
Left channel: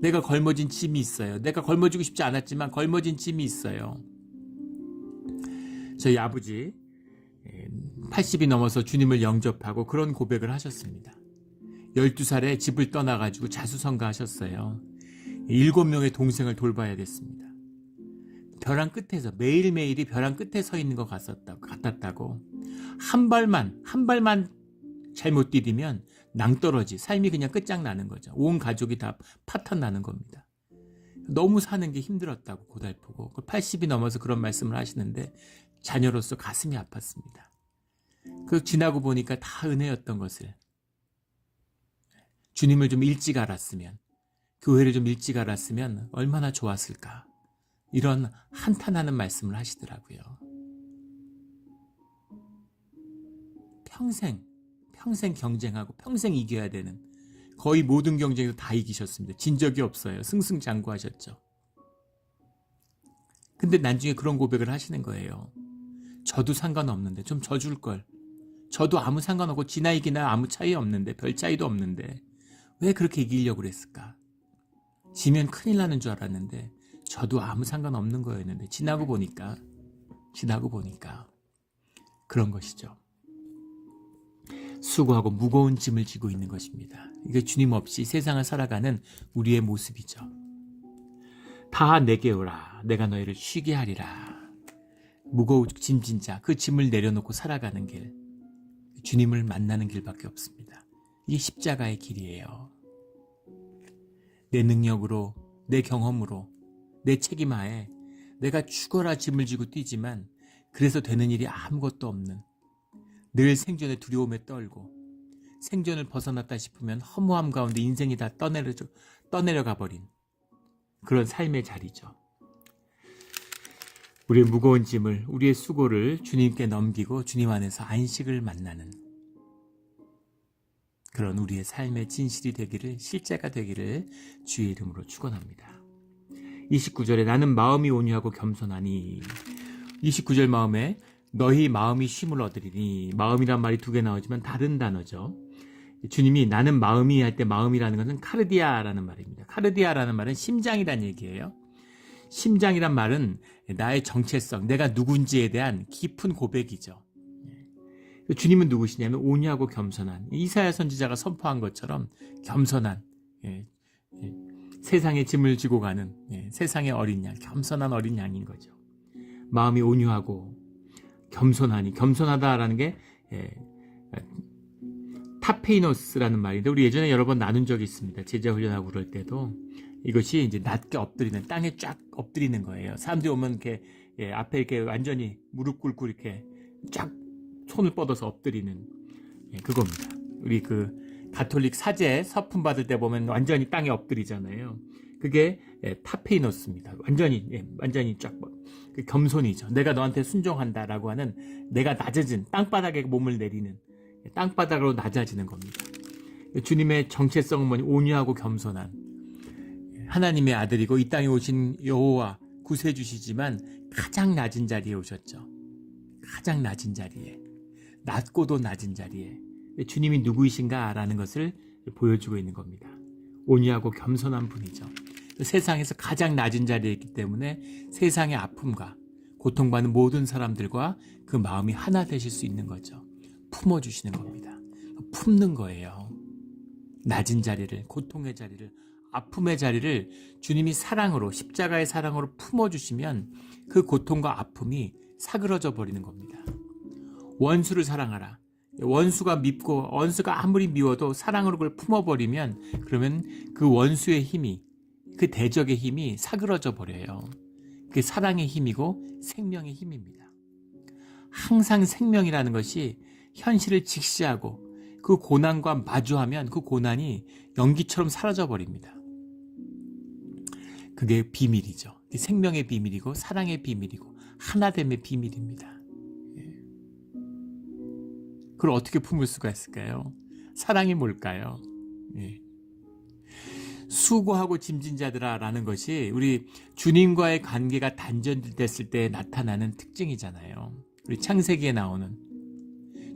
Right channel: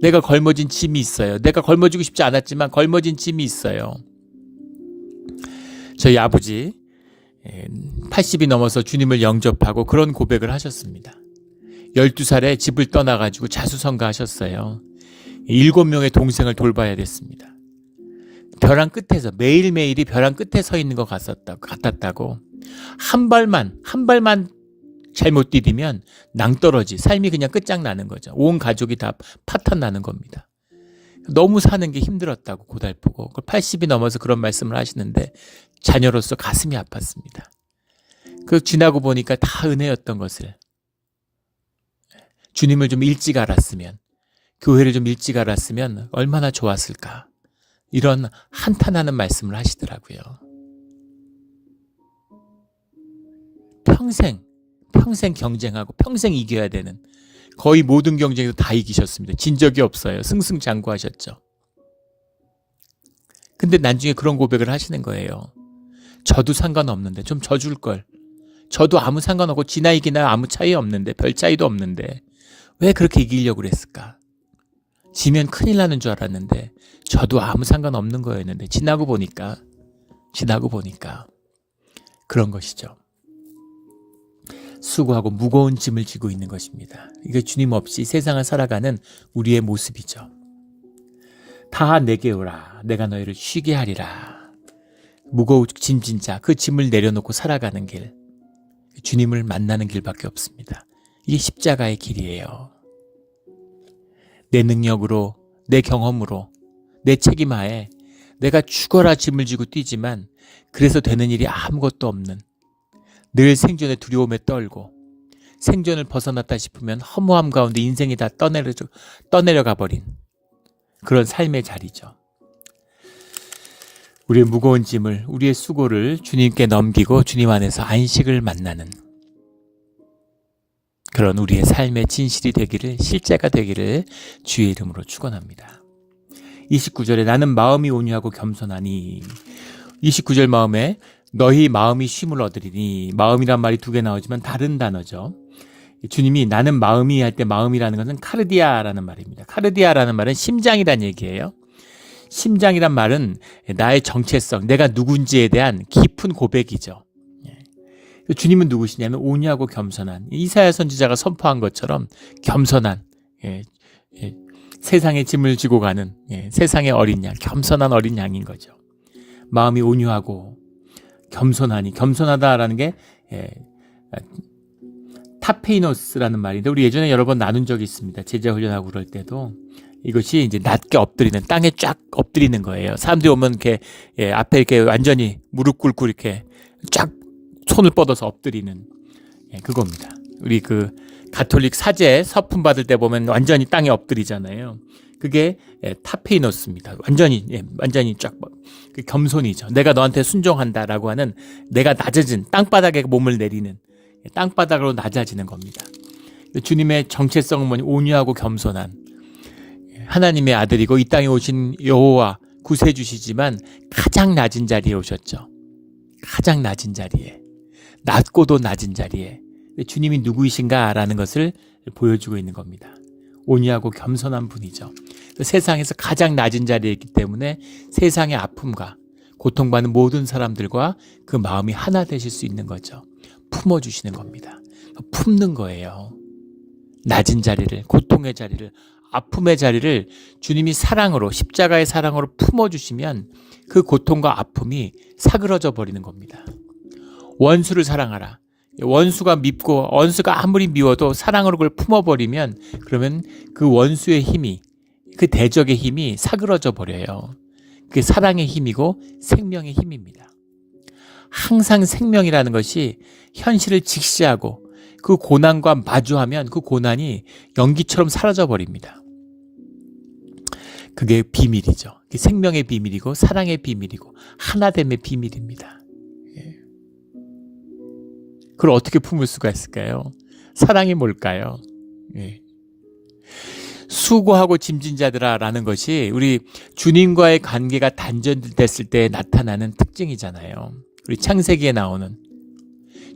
내가 걸머진 짐이 있어요. 내가 걸머지고 싶지 않았지만 걸머진 짐이 있어요. 저희 아버지 80이 넘어서 주님을 영접하고 그런 고백을 하셨습니다. 12살에 집을 떠나가지고 자수성가하셨어요. 7명의 동생을 돌봐야 됐습니다. 벼랑 끝에서, 매일매일이 벼랑 끝에 서 있는 것 같았다고. 한 발만 잘못 디디면 낭떠러지, 삶이 그냥 끝장나는 거죠. 온 가족이 다 파탄나는 겁니다. 너무 사는 게 힘들었다고, 고달프고. 80이 넘어서 그런 말씀을 하시는데 자녀로서 가슴이 아팠습니다. 그 지나고 보니까 다 은혜였던 것을, 주님을 좀 일찍 알았으면, 교회를 좀 일찍 알았으면 얼마나 좋았을까, 이런 한탄하는 말씀을 하시더라고요. 평생 경쟁하고 평생 이겨야 되는, 거의 모든 경쟁에서 다 이기셨습니다. 진 적이 없어요. 승승장구하셨죠. 근데 나중에 그런 고백을 하시는 거예요. 저도 상관없는데 좀 져줄 걸. 저도 아무 상관없고 지나 이기나 아무 차이 없는데, 별 차이도 없는데 왜 그렇게 이기려고 그랬을까? 지면 큰일 나는 줄 알았는데 저도 아무 상관없는 거였는데 지나고 보니까 그런 것이죠. 수고하고 무거운 짐을 지고 있는 것입니다. 이게 주님 없이 세상을 살아가는 우리의 모습이죠. 다 내게 오라, 내가 너희를 쉬게 하리라. 무거운 짐진 자, 그 짐을 내려놓고 살아가는 길, 주님을 만나는 길밖에 없습니다. 이게 십자가의 길이에요. 내 능력으로, 내 경험으로, 내 책임하에 내가 죽어라 짐을 지고 뛰지만 그래서 되는 일이 아무것도 없는, 늘 생존의 두려움에 떨고 생존을 벗어났다 싶으면 허무함 가운데 인생이 다 떠내려가 버린 그런 삶의 자리죠. 우리의 무거운 짐을, 우리의 수고를 주님께 넘기고 주님 안에서 안식을 만나는 그런 우리의 삶의 진실이 되기를, 실제가 되기를 주의 이름으로 축원합니다. 29절에 나는 마음이 온유하고 겸손하니, 29절 마음에 너희 마음이 쉼을 얻으리니, 마음이란 말이 2개 나오지만 다른 단어죠. 주님이 나는 마음이 할 때 마음이라는 것은 카르디아라는 말입니다. 카르디아라는 말은 심장이란 얘기예요. 심장이란 말은 나의 정체성, 내가 누군지에 대한 깊은 고백이죠. 주님은 누구시냐면 온유하고 겸손한, 이사야 선지자가 선포한 것처럼 겸손한, 세상의 짐을 지고 가는 세상의 어린 양, 겸손한 어린 양인 거죠. 마음이 온유하고 겸손하니, 겸손하다라는 게 타페이노스라는 말인데, 우리 예전에 여러 번 나눈 적이 있습니다. 제자 훈련하고 그럴 때도 이것이 이제 낮게 엎드리는, 땅에 쫙 엎드리는 거예요. 사람들이 오면 이렇게 앞에 이렇게 완전히 무릎 꿇고 이렇게 쫙 손을 뻗어서 엎드리는 그겁니다. 우리 그 가톨릭 사제 서품 받을 때 보면 완전히 땅에 엎드리잖아요. 그게 타페이노스입니다. 완전히 쫙 겸손이죠. 내가 너한테 순종한다라고 하는, 내가 낮아진 땅바닥에 몸을 내리는, 땅바닥으로 낮아지는 겁니다. 주님의 정체성은 뭐니? 온유하고 겸손한, 하나님의 아들이고 이 땅에 오신 여호와 구세주시지만 가장 낮은 자리에 오셨죠. 가장 낮은 자리에, 낮고도 낮은 자리에 주님이 누구이신가라는 것을 보여주고 있는 겁니다. 온유하고 겸손한 분이죠. 세상에서 가장 낮은 자리에 있기 때문에 세상의 아픔과 고통받는 모든 사람들과 그 마음이 하나 되실 수 있는 거죠. 품어주시는 겁니다. 품는 거예요. 낮은 자리를, 고통의 자리를 아픔의 자리를 주님이 사랑으로, 십자가의 사랑으로 품어주시면 그 고통과 아픔이 사그러져 버리는 겁니다. 원수를 사랑하라. 원수가 아무리 미워도 사랑으로 그걸 품어버리면, 그러면 그 원수의 힘이, 그 대적의 힘이 사그러져 버려요. 그게 사랑의 힘이고 생명의 힘입니다. 항상 생명이라는 것이 현실을 직시하고 그 고난과 마주하면 그 고난이 연기처럼 사라져 버립니다. 그게 비밀이죠. 그게 생명의 비밀이고 사랑의 비밀이고 하나됨의 비밀입니다. 그걸 어떻게 품을 수가 있을까요? 사랑이 뭘까요? 수고하고 짐진 자들아라는 것이 우리 주님과의 관계가 단절됐을 때 나타나는 특징이잖아요. 우리 창세기에 나오는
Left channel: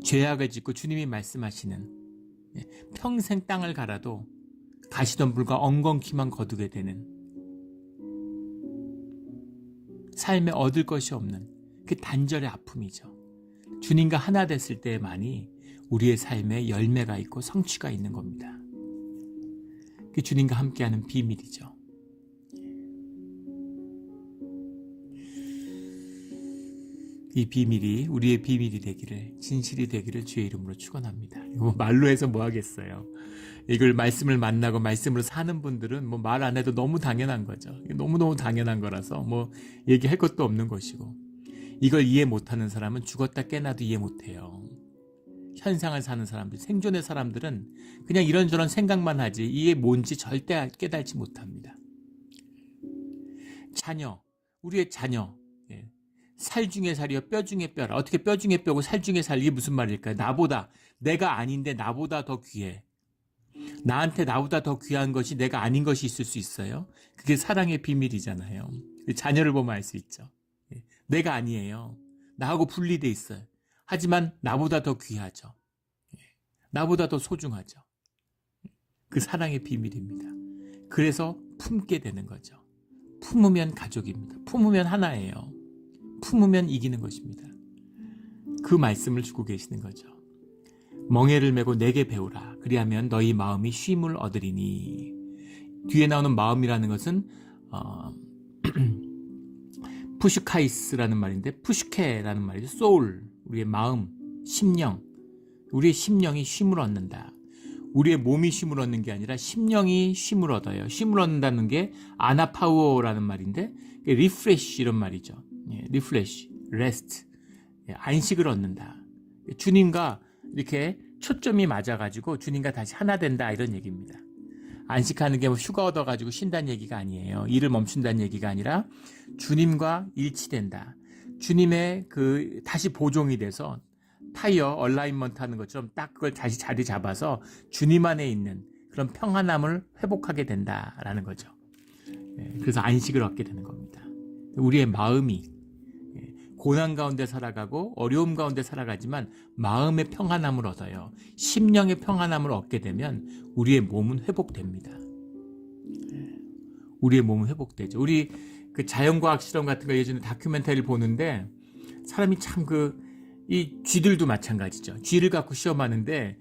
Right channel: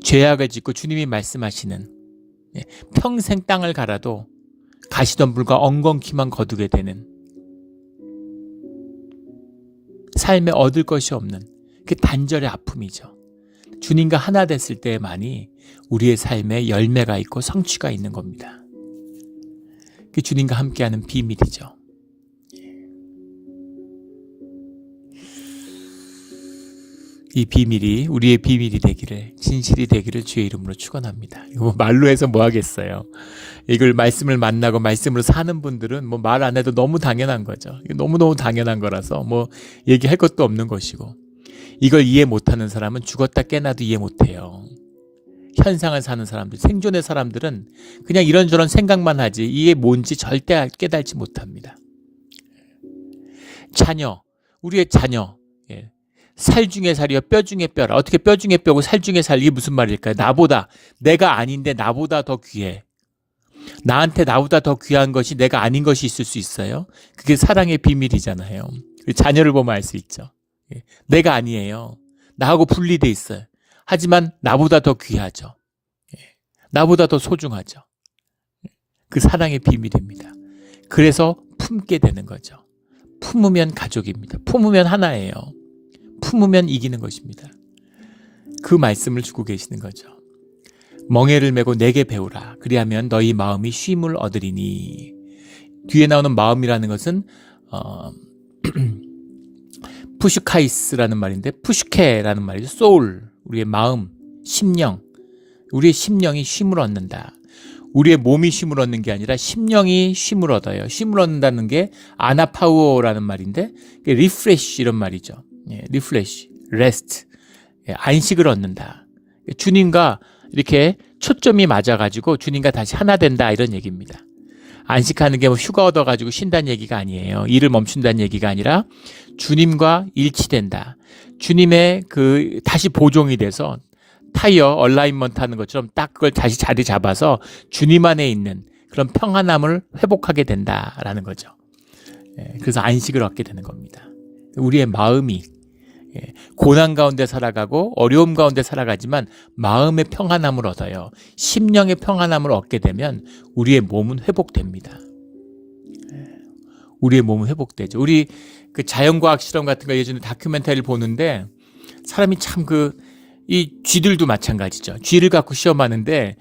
죄악을 짓고 주님이 말씀하시는 평생 땅을 갈아도 가시덤불과 엉겅퀴만 거두게 되는, 삶에 얻을 것이 없는 그 단절의 아픔이죠. 주님과 하나 됐을 때만이 우리의 삶에 열매가 있고 성취가 있는 겁니다. 그 주님과 함께하는 비밀이죠. 이 비밀이 우리의 비밀이 되기를, 진실이 되기를 주의 이름으로 축원합니다. 이거 말로 해서 뭐 하겠어요. 이걸 말씀을 만나고 말씀으로 사는 분들은 뭐 말 안 해도 너무 당연한 거죠. 너무너무 당연한 거라서 뭐 얘기할 것도 없는 것이고, 이걸 이해 못하는 사람은 죽었다 깨나도 이해 못해요. 현상을 사는 사람들, 생존의 사람들은 그냥 이런저런 생각만 하지 이게 뭔지 절대 깨달지 못합니다. 자녀, 우리의 자녀, 살 중에 살이요 뼈 중에 뼈라. 어떻게 뼈 중에 뼈고 살 중에 살, 이게 무슨 말일까요? 나보다, 내가 아닌데 나보다 더 귀해. 나한테 나보다 더 귀한 것이 내가 아닌 것이 있을 수 있어요? 그게 사랑의 비밀이잖아요. 자녀를 보면 알 수 있죠. 내가 아니에요. 나하고 분리돼 있어요. 하지만 나보다 더 귀하죠. 나보다 더 소중하죠. 그 사랑의 비밀입니다. 그래서 품게 되는 거죠. 품으면 가족입니다. 품으면 하나예요. 품으면 이기는 것입니다. 그 말씀을 주고 계시는 거죠. 멍에를 메고 내게 배우라. 그리하면 너희 마음이 쉼을 얻으리니. 뒤에 나오는 마음이라는 것은 푸슈카이스라는 말인데, 푸슈케라는 말이죠. 소울, 우리의 마음, 심령. 우리의 심령이 쉼을 얻는다. 우리의 몸이 쉼을 얻는 게 아니라 심령이 쉼을 얻어요. 쉼을 얻는다는 게 아나파우어라는 말인데, 리프레쉬 이런 말이죠. 리프레쉬, 레스트, 안식을 얻는다. 주님과 이렇게 초점이 맞아가지고 주님과 다시 하나 된다, 이런 얘기입니다. 안식하는 게 뭐 휴가 얻어가지고 쉰다는 얘기가 아니에요. 일을 멈춘다는 얘기가 아니라 주님과 일치된다. 주님의 다시 보종이 돼서 타이어 얼라인먼트 하는 것처럼 딱 그걸 다시 자리 잡아서 주님 안에 있는 그런 평안함을 회복하게 된다라는 거죠. 그래서 안식을 얻게 되는 겁니다. 우리의 마음이 고난 가운데 살아가고 어려움 가운데 살아가지만 마음의 평안함을 얻어요. 심령의 평안함을 얻게 되면 우리의 몸은 회복됩니다. 우리의 몸은 회복되죠. 우리 그 자연과학 실험 같은 거 예전에 다큐멘터리를 보는데, 사람이 참 이 쥐들도 마찬가지죠. 쥐를 갖고 시험하는데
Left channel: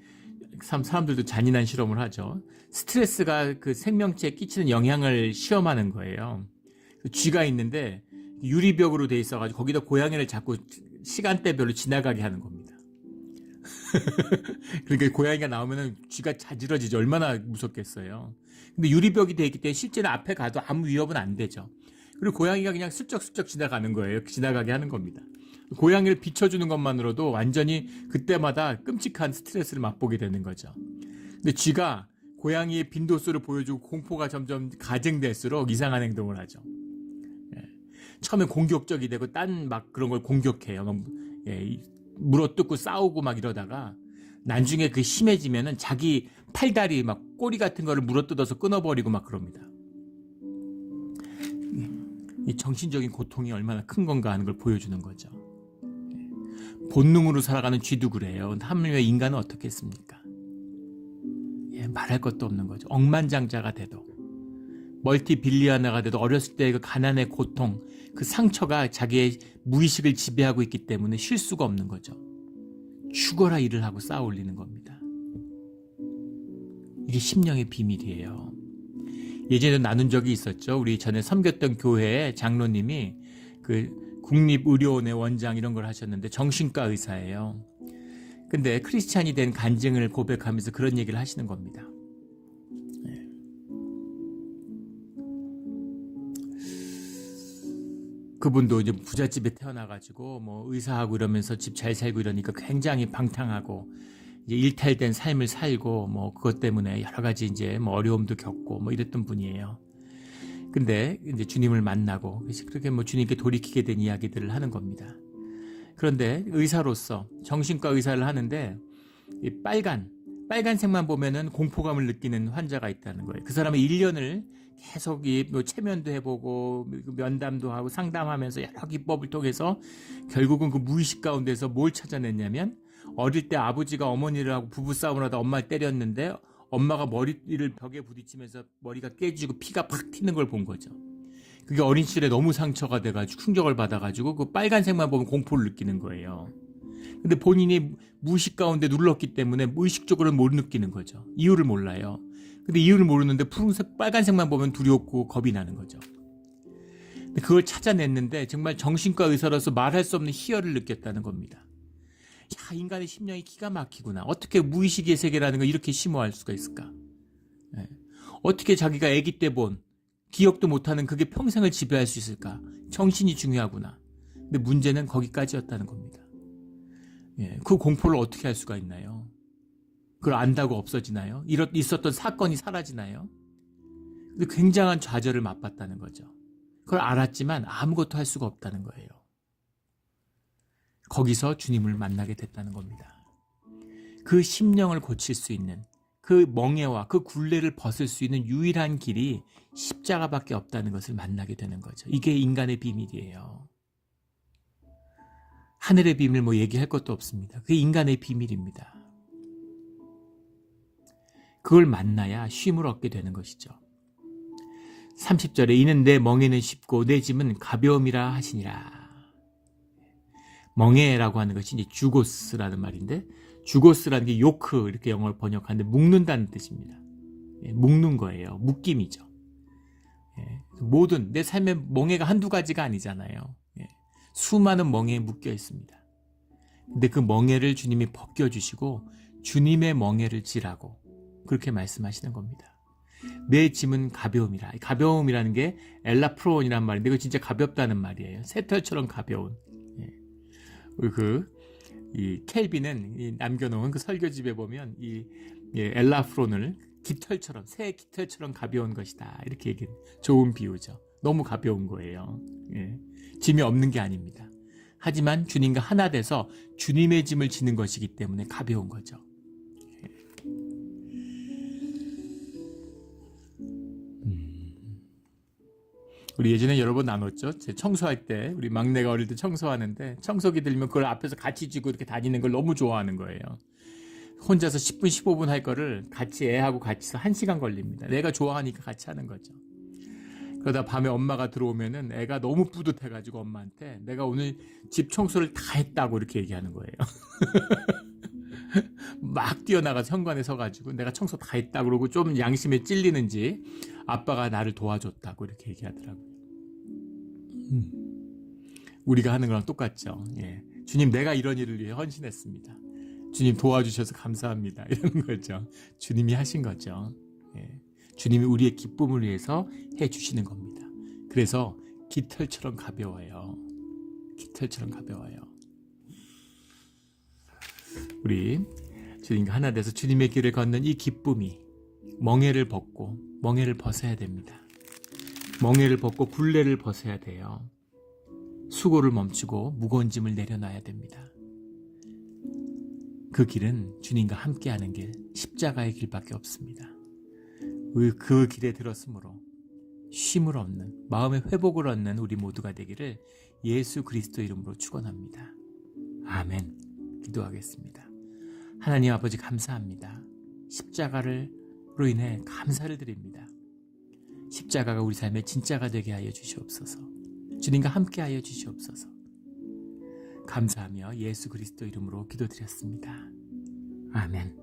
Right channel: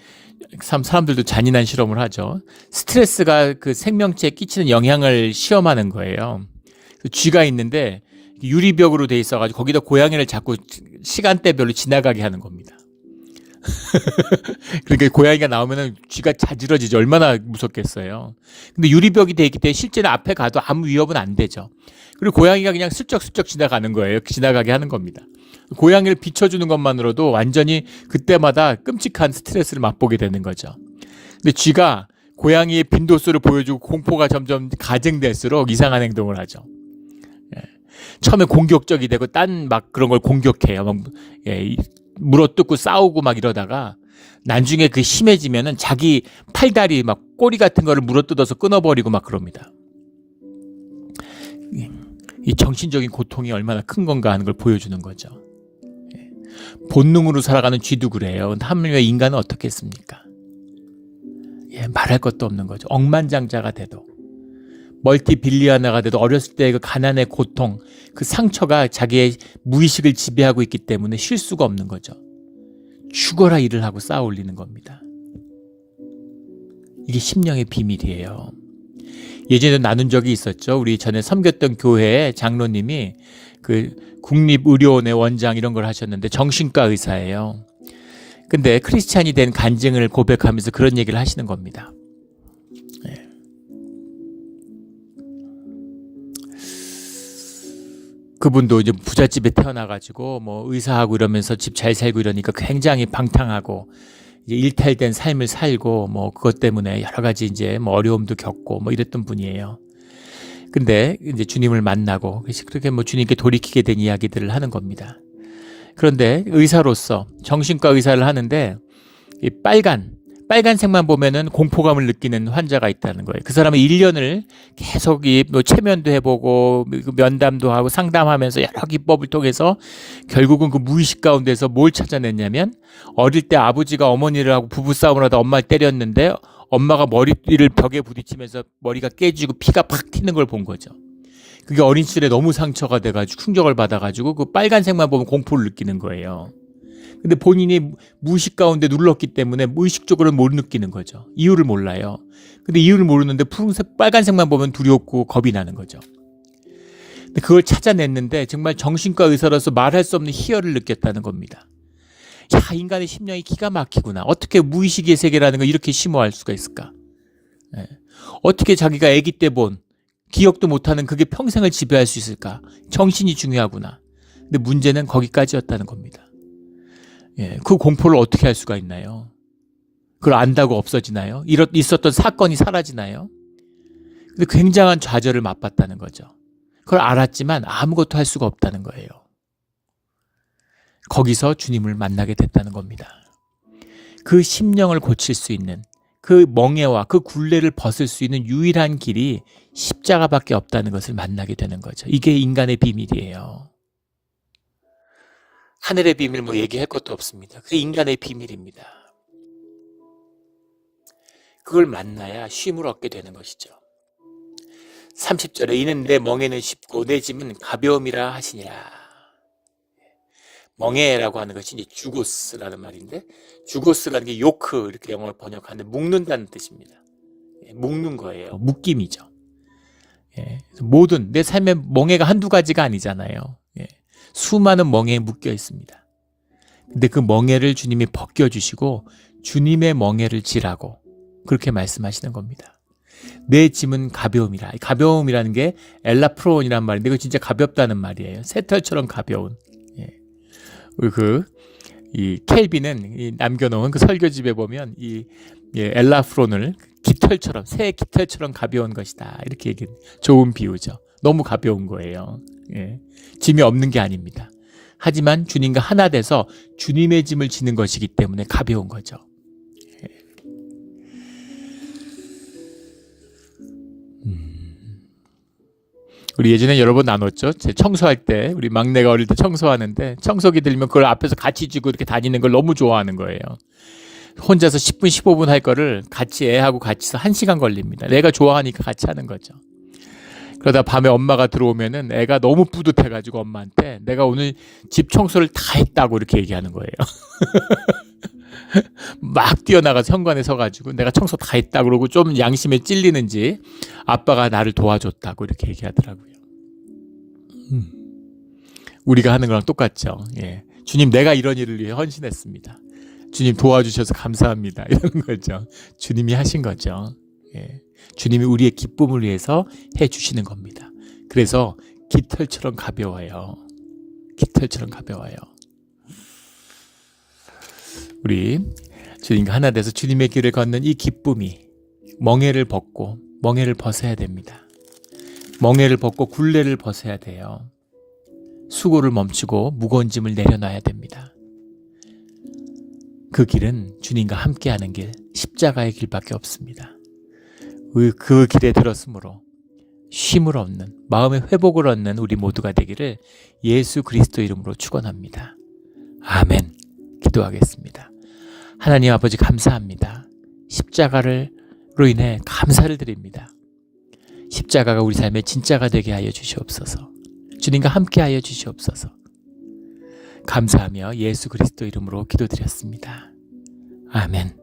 사람들도 잔인한 실험을 하죠. 스트레스가 그 생명체에 끼치는 영향을 시험하는 거예요. 쥐가 있는데 유리벽으로 돼 있어가지고 거기다 고양이를 자꾸 시간대별로 지나가게 하는 겁니다. 그러니까 고양이가 나오면은 쥐가 자지러지죠. 얼마나 무섭겠어요. 근데 유리벽이 돼 있기 때문에 실제는 앞에 가도 아무 위협은 안 되죠. 그리고 고양이가 그냥 슬쩍슬쩍 지나가는 거예요. 지나가게 하는 겁니다. 고양이를 비춰주는 것만으로도 완전히 그때마다 끔찍한 스트레스를 맛보게 되는 거죠. 근데 쥐가 고양이의 빈도수를 보여주고 공포가 점점 가증될수록 이상한 행동을 하죠. 처음에 공격적이 되고 딴 막 그런 걸 공격해요. 막 물어뜯고 싸우고 막 이러다가 나중에 그 심해지면은 자기 팔다리 막 꼬리 같은 거를 물어뜯어서 끊어버리고 막 그럽니다. 이 정신적인 고통이 얼마나 큰 건가 하는 걸 보여주는 거죠. 본능으로 살아가는 쥐도 그래요. 하물며 인간은 어떻겠습니까? 말할 것도 없는 거죠. 억만장자가 돼도, 멀티빌리어너가 돼도 어렸을 때의 그 가난의 고통, 그 상처가 자기의 무의식을 지배하고 있기 때문에 쉴 수가 없는 거죠. 죽어라 일을 하고 쌓아 올리는 겁니다. 이게 심령의 비밀이에요. 예전에 나눈 적이 있었죠. 우리 전에 섬겼던 교회에 장로님이 그 국립의료원의 원장 이런 걸 하셨는데 정신과 의사예요. 근데 크리스찬이 된 간증을 고백하면서 그런 얘기를 하시는 겁니다. 네. 그분도 이제 부잣집에 태어나가지고 뭐 의사하고 이러면서 집 잘 살고 이러니까 굉장히 방탕하고 이제 일탈된 삶을 살고 뭐 그것 때문에 여러 가지 이제 뭐 어려움도 겪고 뭐 이랬던 분이에요. 근데 이제 주님을 만나고 그렇게 뭐 주님께 돌이키게 된 이야기들을 하는 겁니다. 그런데 의사로서 정신과 의사를 하는데 이 빨간색만 보면은 공포감을 느끼는 환자가 있다는 거예요. 그 사람은 1년을 계속 뭐 체면도 해보고 면담도 하고 상담하면서 여러 기법을 통해서 결국은 그 무의식 가운데서 뭘 찾아냈냐면 어릴 때 아버지가 어머니를 하고 부부싸움을 하다 엄마를 때렸는데 엄마가 머리를 벽에 부딪히면서 머리가 깨지고 피가 팍 튀는 걸 본 거죠. 그게 어린 시절에 너무 상처가 돼가지고 충격을 받아가지고 그 빨간색만 보면 공포를 느끼는 거예요. 근데 본인이 무의식 가운데 눌렀기 때문에 무의식적으로는 못 느끼는 거죠. 이유를 몰라요. 근데 이유를 모르는데 푸른색, 빨간색만 보면 두렵고 겁이 나는 거죠. 근데 그걸 찾아냈는데 정말 정신과 의사로서 말할 수 없는 희열을 느꼈다는 겁니다. 야, 인간의 심령이 기가 막히구나. 어떻게 무의식의 세계라는 걸 이렇게 심오할 수가 있을까? 네. 어떻게 자기가 아기 때 본 기억도 못하는 그게 평생을 지배할 수 있을까? 정신이 중요하구나. 근데 문제는 거기까지였다는 겁니다. 예, 그 공포를 어떻게 할 수가 있나요? 그걸 안다고 없어지나요? 있었던 사건이 사라지나요? 근데 굉장한 좌절을 맛봤다는 거죠. 그걸 알았지만 아무것도 할 수가 없다는 거예요. 거기서 주님을 만나게 됐다는 겁니다. 그 심령을 고칠 수 있는 그 멍에와 그 굴레를 벗을 수 있는 유일한 길이 십자가밖에 없다는 것을 만나게 되는 거죠. 이게 인간의 비밀이에요. 하늘의 비밀 뭐 얘기할 것도 없습니다. 그게 인간의 비밀입니다. 그걸 만나야 쉼을 얻게 되는 것이죠. 30절에 이는 내 멍에는 쉽고 내 짐은 가벼움이라 하시니라. 멍에라고 하는 것이 이제 주고스라는 말인데 주고스라는 게 요크 이렇게 영어로 번역하는데 묶는다는 뜻입니다. 묶는 거예요. 묶임이죠. 모든 내 삶의 멍에가 한두 가지가 아니잖아요. 수많은 멍에에 묶여 있습니다. 근데 그 멍에를 주님이 벗겨주시고 주님의 멍에를 지라고 그렇게 말씀하시는 겁니다. 내 짐은 가벼움이라. 가벼움이라는 게 엘라프론이란 말인데 이거 진짜 가볍다는 말이에요. 새털처럼 가벼운. 이 켈빈은 남겨놓은 그 설교집에 보면 이 엘라프론을 깃털처럼 새 깃털처럼 가벼운 것이다 이렇게 얘기해요. 좋은 비유죠. 너무 가벼운 거예요. 짐이 없는 게 아닙니다. 하지만 주님과 하나 돼서 주님의 짐을 지는 것이기 때문에 가벼운 거죠. 우리 예전에 여러 번 나눴죠. 제 청소할 때 우리 막내가 어릴 때 청소하는데 청소기 들면 그걸 앞에서 같이 쥐고 이렇게 다니는 걸 너무 좋아하는 거예요. 혼자서 10분 15분 할 거를 같이 애하고 같이 1시간 걸립니다. 내가 좋아하니까 같이 하는 거죠. 그러다 밤에 엄마가 들어오면은 애가 너무 뿌듯해가지고 엄마한테 내가 오늘 집 청소를 다 했다고 이렇게 얘기하는 거예요. 막 뛰어나가서 현관에 서가지고 내가 청소 다 했다 그러고 좀 양심에 찔리는지 아빠가 나를 도와줬다고 이렇게 얘기하더라고요. 우리가 하는 거랑 똑같죠. 주님 내가 이런 일을 위해 헌신했습니다. 주님 도와주셔서 감사합니다. 이런 거죠. 주님이 하신 거죠. 주님이 우리의 기쁨을 위해서 해주시는 겁니다. 그래서 깃털처럼 가벼워요. 깃털처럼 가벼워요. 우리 주님과 하나 돼서 주님의 길을 걷는 이 기쁨이 멍에를 벗어야 됩니다. 멍에를 벗고 굴레를 벗어야 돼요. 수고를 멈추고 무거운 짐을 내려놔야 됩니다. 그 길은 주님과 함께하는 길, 십자가의 길밖에 없습니다. 그 길에 들었으므로 쉼을 얻는, 마음의 회복을 얻는 우리 모두가 되기를 예수 그리스도 이름으로 축원합니다. 아멘. 기도하겠습니다. 하나님 아버지 감사합니다. 십자가로 인해 감사를 드립니다. 십자가가 우리 삶의 진짜가 되게 하여 주시옵소서. 주님과 함께 하여 주시옵소서. 감사하며 예수 그리스도 이름으로 기도드렸습니다. 아멘.